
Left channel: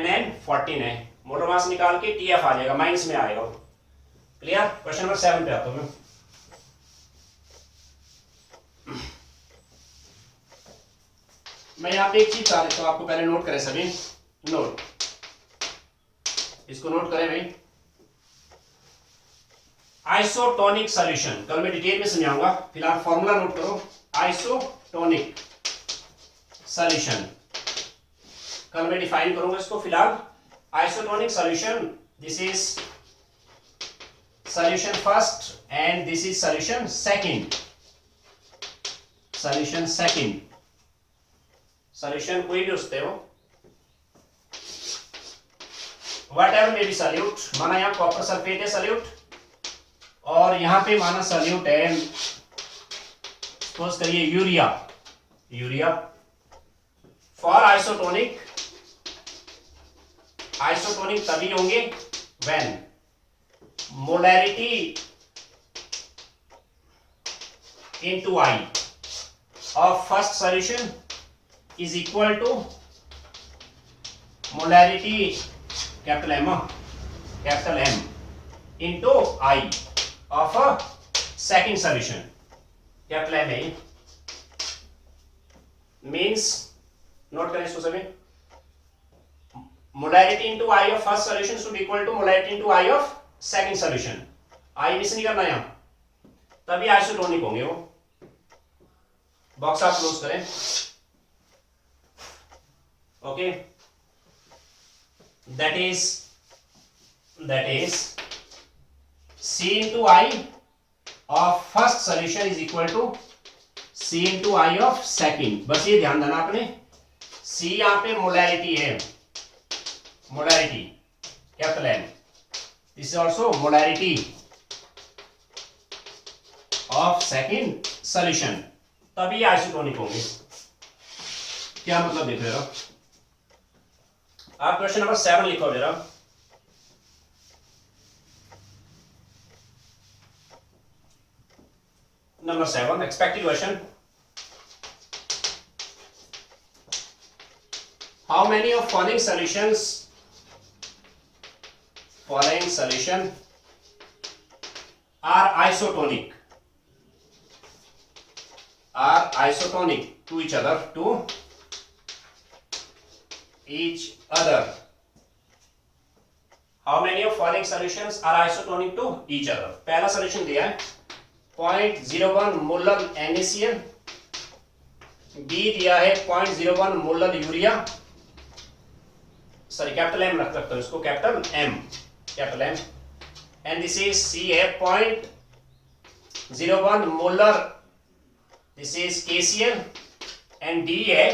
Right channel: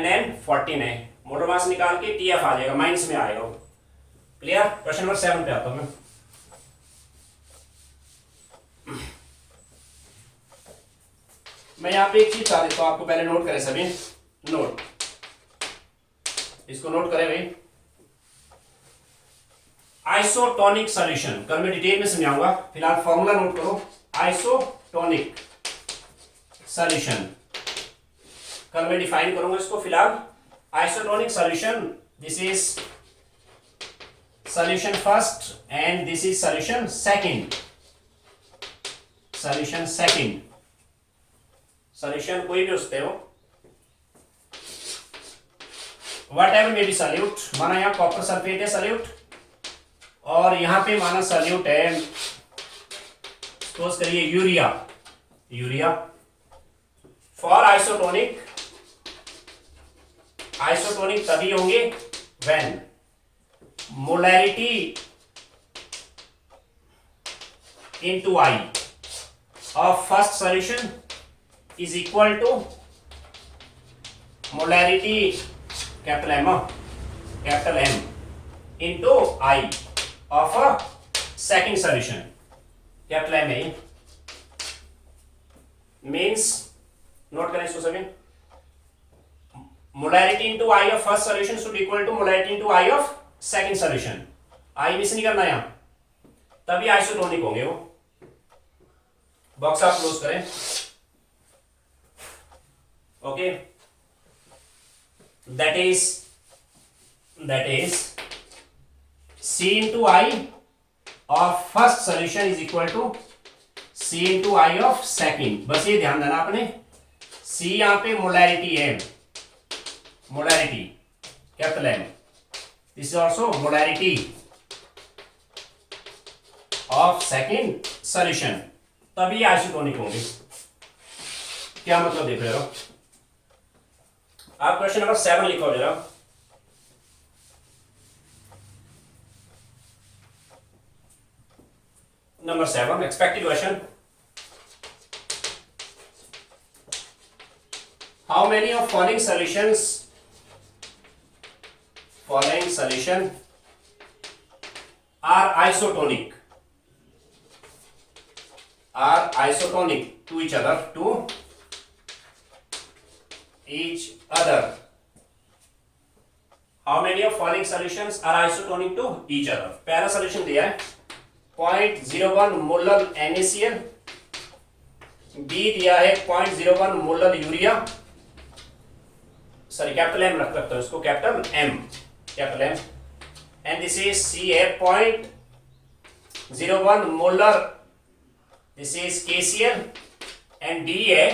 NN 14 है। मोलर मास निकाल के TF आ जाएगा, माइनस में आएगा वो। क्लियर। क्वेश्चन नंबर 7 पे आता हूं मैं यहाँ पे एक चीज बता देता हूं आपको, पहले नोट करें सभी, नोट, इसको नोट करें भाई। आइसोटोनिक सॉल्यूशन कल मैं डिटेल में समझाऊंगा, फिलहाल फॉर्मूला नोट करो। आइसोटोनिक सॉल्यूशन कल मैं डिफाइन करूंगा इसको, फिलहाल isotonic solution, this is solution first and this is solution second. Solution second, solution कोई भी उसते हो, what ever may be solute. माना यहाँ कॉपर सल्फेट है सॉल्यूट, और यहां पे माना सॉल्यूट है, सपोज करिए urea. Urea for isotonic, isotonic तभी होंगे when molarity into I of first solution is equal to molarity capital M into I of a second solution, capital M है। मीन्स नोट करें इसको सभी, molarity into I of first solution should equal to molarity into I of second solution। I miss नहीं करना यहां, तभी आइसोटोनिक होंगे वो। बॉक्स आप क्लोज करें। Okay, that is C into I of first solution is equal to C into I of second। बस ये ध्यान देना आपने, C यहां पे मोलैरिटी है, molarity capital M, this is also molarity of second solution, तभी आइसोटोनिक होंगे। क्या मतलब देख रहे हो आप? क्वेश्चन नंबर 7 लिखो जरा। Number 7, expected question. How many of following solution are isotonic to each other. How many of following solutions are isotonic to each other? पहला solution दिया है 0.01 मोलर NaCl, B दिया है 0.01 molar urea, sorry capital M रख सकते हैं उसको, capital M, and this is C है 0.01 molar, this is KCl, and D है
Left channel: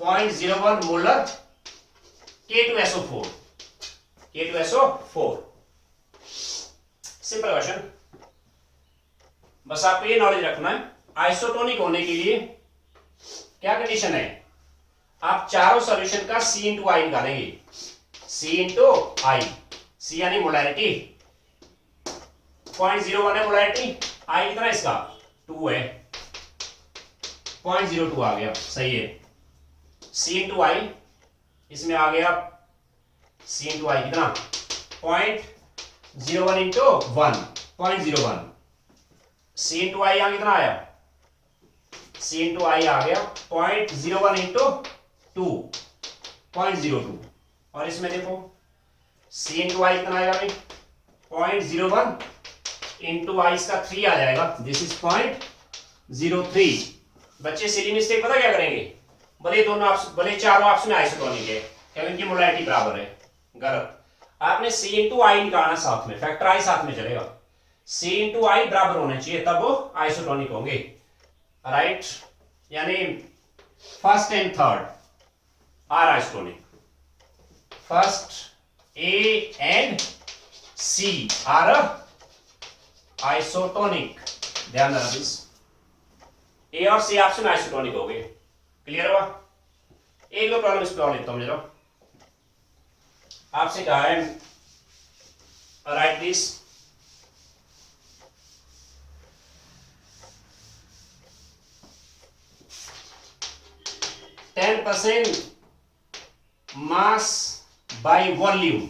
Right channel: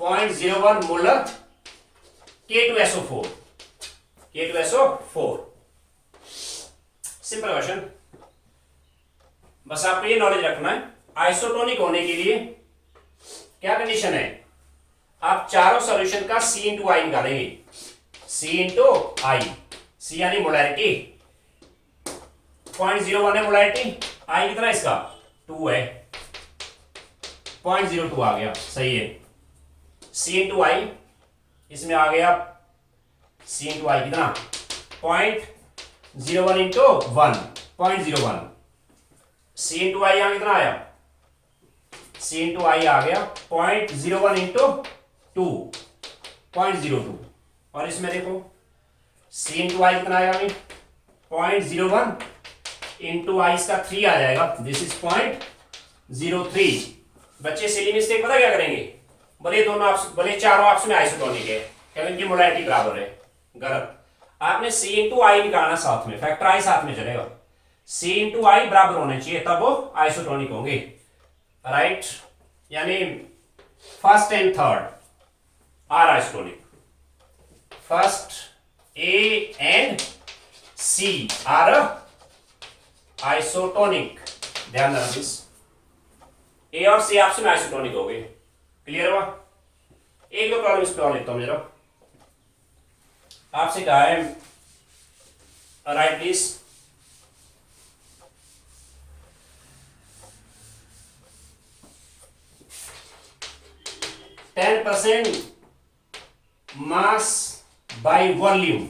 0.01 मोलर K2SO4. सिंपल क्वेश्चन, बस आपको ये नॉलेज रखना है आइसोटोनिक होने के लिए क्या कंडीशन है, आप चारों सॉल्यूशन का C इंटू आई निकालेंगे, C इंटू आई, C यानी मोलैरिटी, 0.01 है मोलैरिटी, आई कितना है इसका 2 है, 0.02 आ गया, सही है, C इंटू आई, इसमें आ गया C इंटू आई कितना 0.01 इंटू 1 0.01, C इंटू आई यहाँ कितना आया, C इंटू आई आ गया 0.01 इंटू 2.02, और इसमें देखो C इंटू आई कितना आएगा भाई 0.01 इंटू आई इसका 3 आ जाएगा, दिस इज 0.03। बच्चे सिली मिस्टेक पता क्या करेंगे, भले चारों ऑप्शन आइसोटोनिक है क्योंकि इनकी मोलैरिटी बराबर है, गलत, आपने C इंटू आई निकालना साथ में, फैक्टर आई साथ में चलेगा, C इंटू आई बराबर होने चाहिए तब वो आइसोटोनिक होंगे, राइट, यानी first and third are isotonic, first A and C are isotonic, ध्यान देना प्लीज, A और C ऑप्शन आइसोटोनिक हो गए, क्लियर हुआ। एक दो प्रॉब्लम इस पे और लिखता हूं जरा, आपसे कहा है right please, %, mass by volume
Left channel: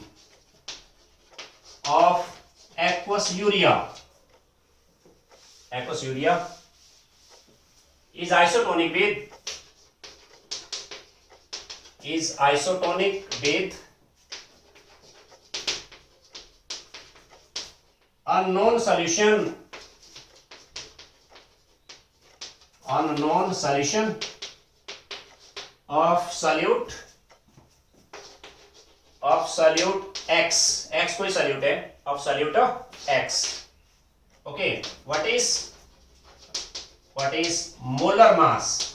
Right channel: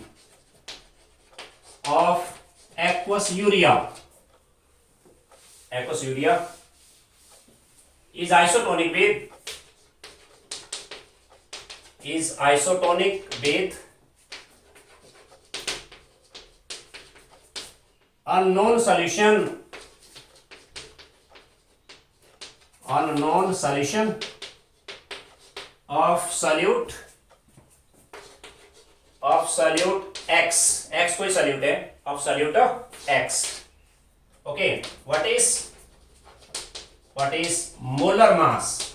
of aqueous urea is isotonic with unknown solution of solute X कोई solute है, of solute X, okay, what is molar mass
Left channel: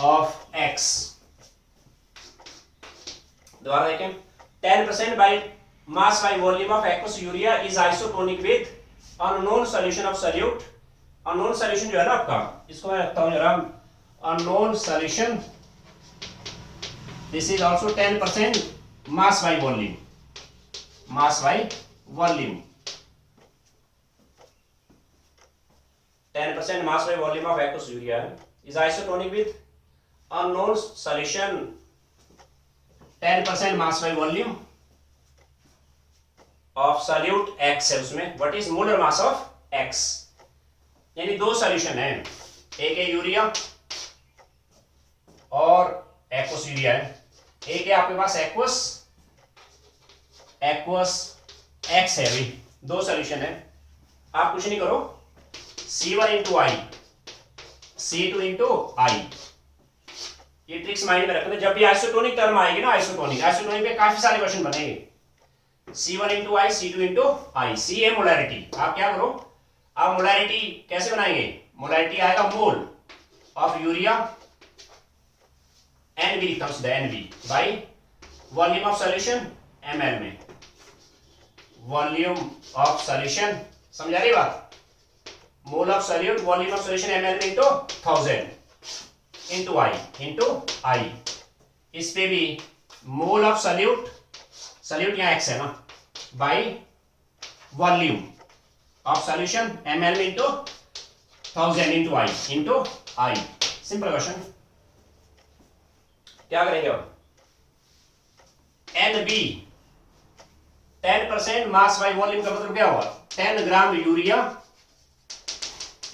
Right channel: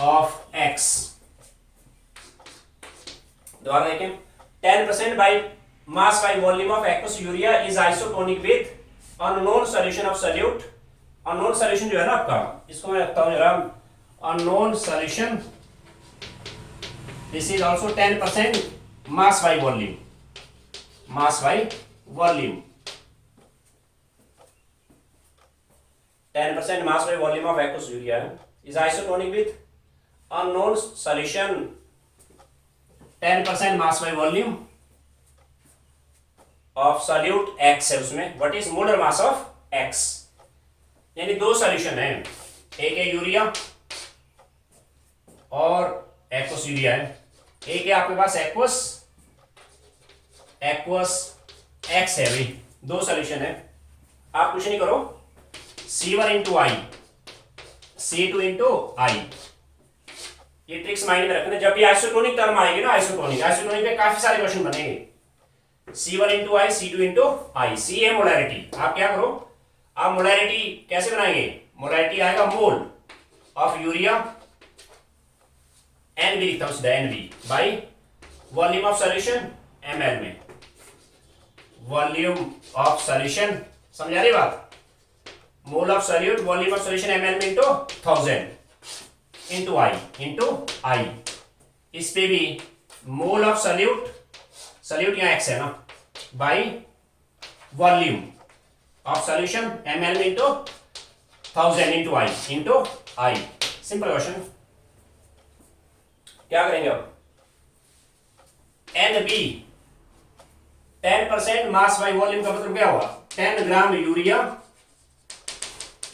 of X, दोबारा देखें, 10% by mass by volume of aqueous urea is isotonic with unknown solution of solute, unknown solution जो है ना आपका, इसको मैं रखता हूं जरा, unknown solution, this is also 10% mass by volume 10% mass by volume of aqueous urea is isotonic with unknown solution 10% mass by volume of solute X है उसमें, what is molar mass of X, यानी दो सॉल्यूशन है, एक है यूरिया और एक्वस यूरिया है, एक है आपके पास एक्वस एक्स है, भाई दो सॉल्यूशन है, आप कुछ नहीं करो, C1 into I, C2 into I, ये ट्रिक्स माइंड में रखना, जब भी आइसोटोनिक टर्म आएगी ना, आइसोटोनिक पे काफी सारे क्वेश्चन बनेंगे, C1 इंटू आई, C2 इंटू आई, C है मोलैरिटी, आप क्या करो, आप मोलैरिटी कैसे बनाएंगे, मोलैरिटी आएगा मोल ऑफ यूरिया, NB लिखता हूं सीधा, NB by volume of solution ml में, वॉल्यूम ऑफ सॉल्यूशन, समझ आ रही बात, मोल of solute volume of solution ml में इंटू 1000 इंटू आई, इस पे भी मोल ऑफ सॉल्यूट यहाँ x है ना, by volume of solution ml में इंटू 1000 इंटू आई, सिंपल क्वेश्चन, क्या करेंगे अब, NB 10% मास बाई वॉल्यूम का मतलब क्या हुआ? 10 gram urea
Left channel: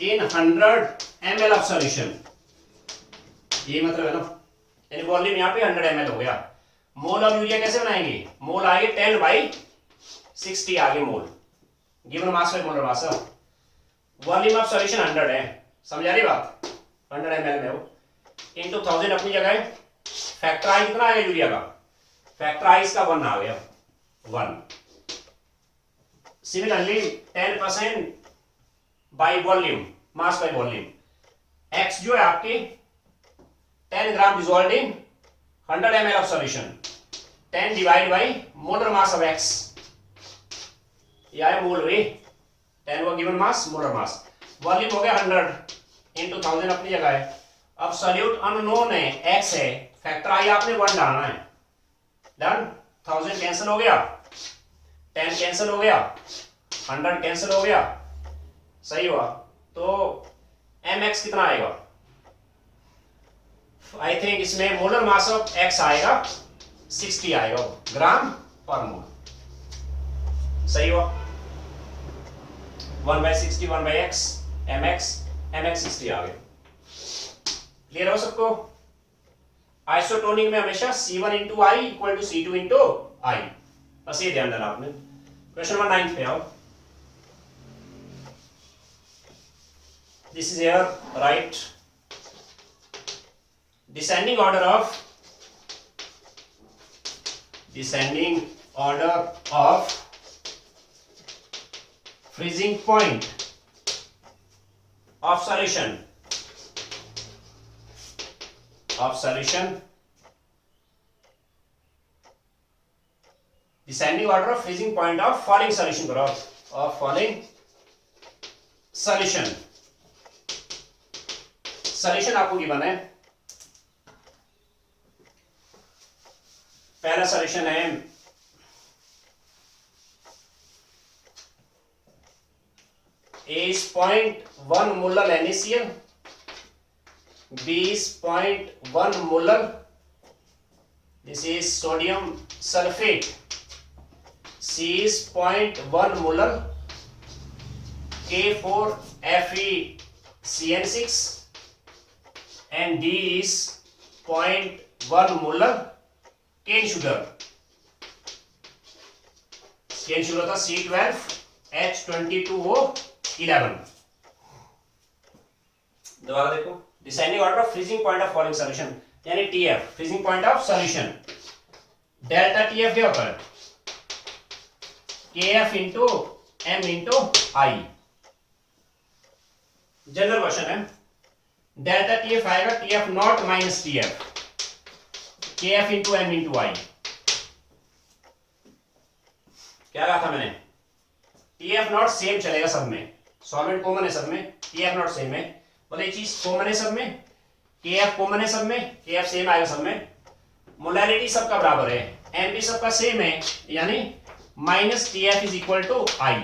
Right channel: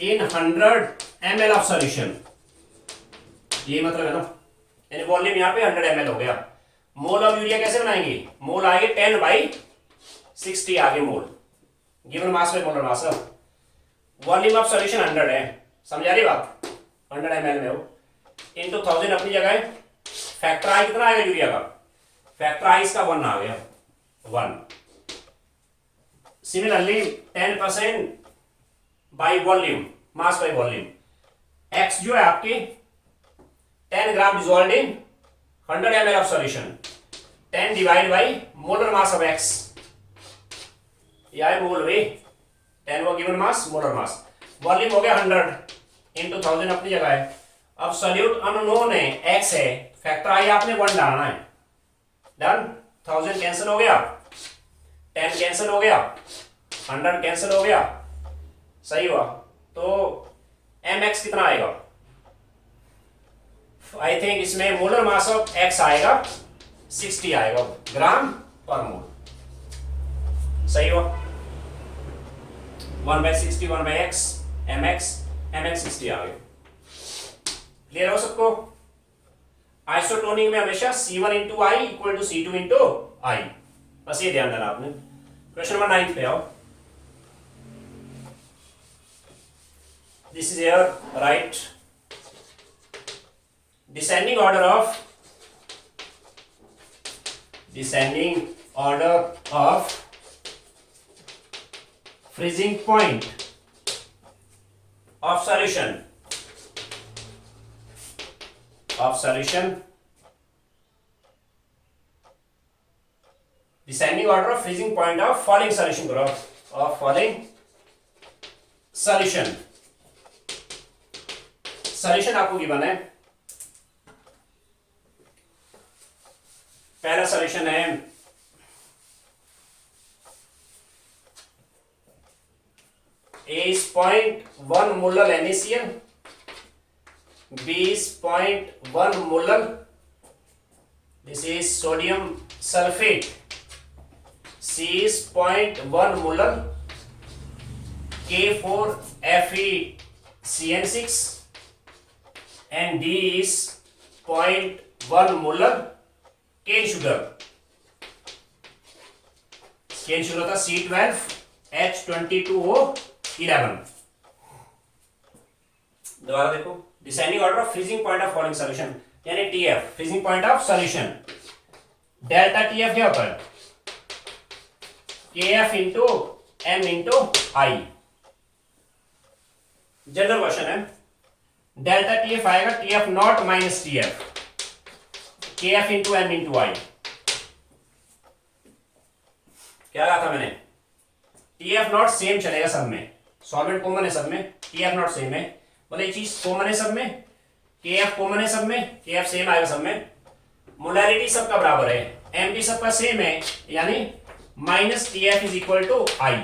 in 100 ml of solution, ये मतलब है ना, यानी वॉल्यूम यहाँ पे 100 ml हो गया। मोल ऑफ यूरिया कैसे बनाएंगे? मोल आगे 10/60 आगे mole, given mass by molar mass. Volume of solution 100 है, समझा रही बात? 100 ml में हो, इनटू 1000 अपनी जगह है। फैक्टर आई कितना आएगा यूरिया का? फैक्टर आई इसका 1 आ गया, 1। Similarly 10% by volume, mass by volume, X जो है आपकी 10 gram dissolve in 100 ml of solution, 10 divide by molar mass of X, या है मोल रे, 10 वो given mass, molar mass. Volume हो गया 100 इंटू 1000 अपनी जगह है। अब सॉल्यूट अननोन है, एक्स है, फैक्टर आई आपने 1 डालना है। डन, 1000 कैंसिल हो गया, 10 कैंसिल हो गया, 100 कैंसिल हो गया, सही हुआ। तो mx कितना आएगा? आई थिंक इसमें मोलर मास ऑफ x आएगा 60 आएगा ग्राम पर मोल, सही हुआ। 1/60 1/x mx 60 आ गया। क्लियर हो सबको? आइसोटोनिक में हमेशा C1 into I equal to C2 into I, बस ये ध्यान देना आपने। क्वेश्चन नंबर 9 पे आओ। This is here, right? Descending order of freezing point of solution descending order of freezing point of falling solution करो, of falling solution। सॉल्यूशन आपको गिवन है, पहला सॉल्यूशन है A 0.1 molar NaCl, B 0.1 molar, this is sodium sulphate, C is 0.1 molar K4FeCN6 and D is 0.1 molar cane sugar. Cane sugar था C12H22O11। दोबारा देखो, deciding order of freezing point of following solution, यानी TF freezing point of solution. Delta TF क्या होता है? KF into M into I. General question है, डेल्टा TF आएगा TF not minus TF, KF into M into I. क्या कहा था मैंने? TF नॉट सेम चलेगा सब में, सॉल्वेंट कॉमन है सब में, TF नॉट सेम है, बोले ये चीज कॉमन है सब में, KF कॉमन है सब में, KF सेम आएगा सब में, मोलैरिटी सबका बराबर है, M भी सबका सेम है, यानी minus TF is equal to I.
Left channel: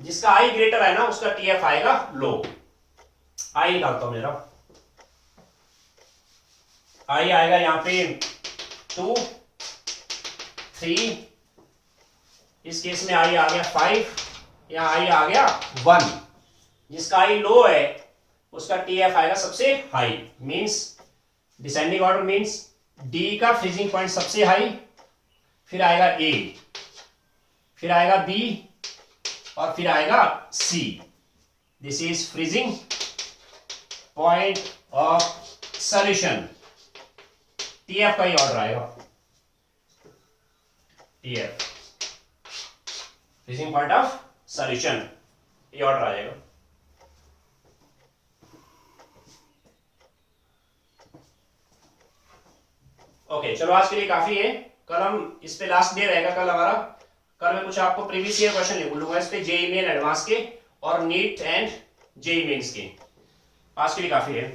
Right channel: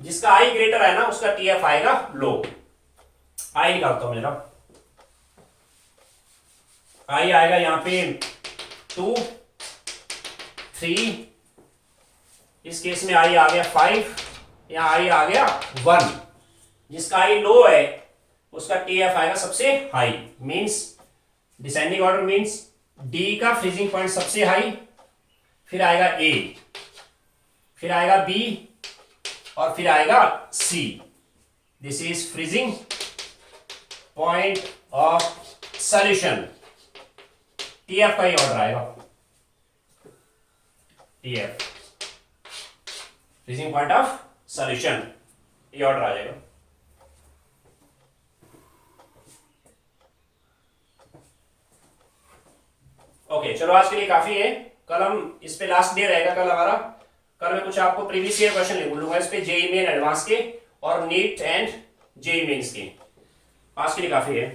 जिसका आई ग्रेटर है ना उसका TF आएगा लो। आई निकालता हूं मेरा, आई आएगा यहां पे 2 3, इस केस में आई आ गया 5, यहां आई आ गया 1। जिसका आई लो है उसका TF आएगा सबसे high, means descending order means D का फ्रीजिंग पॉइंट सबसे हाई, फिर आएगा A, फिर आएगा B और फिर आएगा C। This is freezing point of solution. TF का ही ऑर्डर आएगा, TF freezing point of solution, ये ऑर्डर आ जाएगा। ओके चलो आज के लिए काफी है, कल हम इस पे लास्ट डे रहेगा कल हमारा। कल मैं कुछ आपको प्रीवियस ईयर क्वेश्चन लिख लूंगा इस पे, जेईई मेन एडवांस के और नीट एंड जेईई मेंस के। आज के लिए काफी है।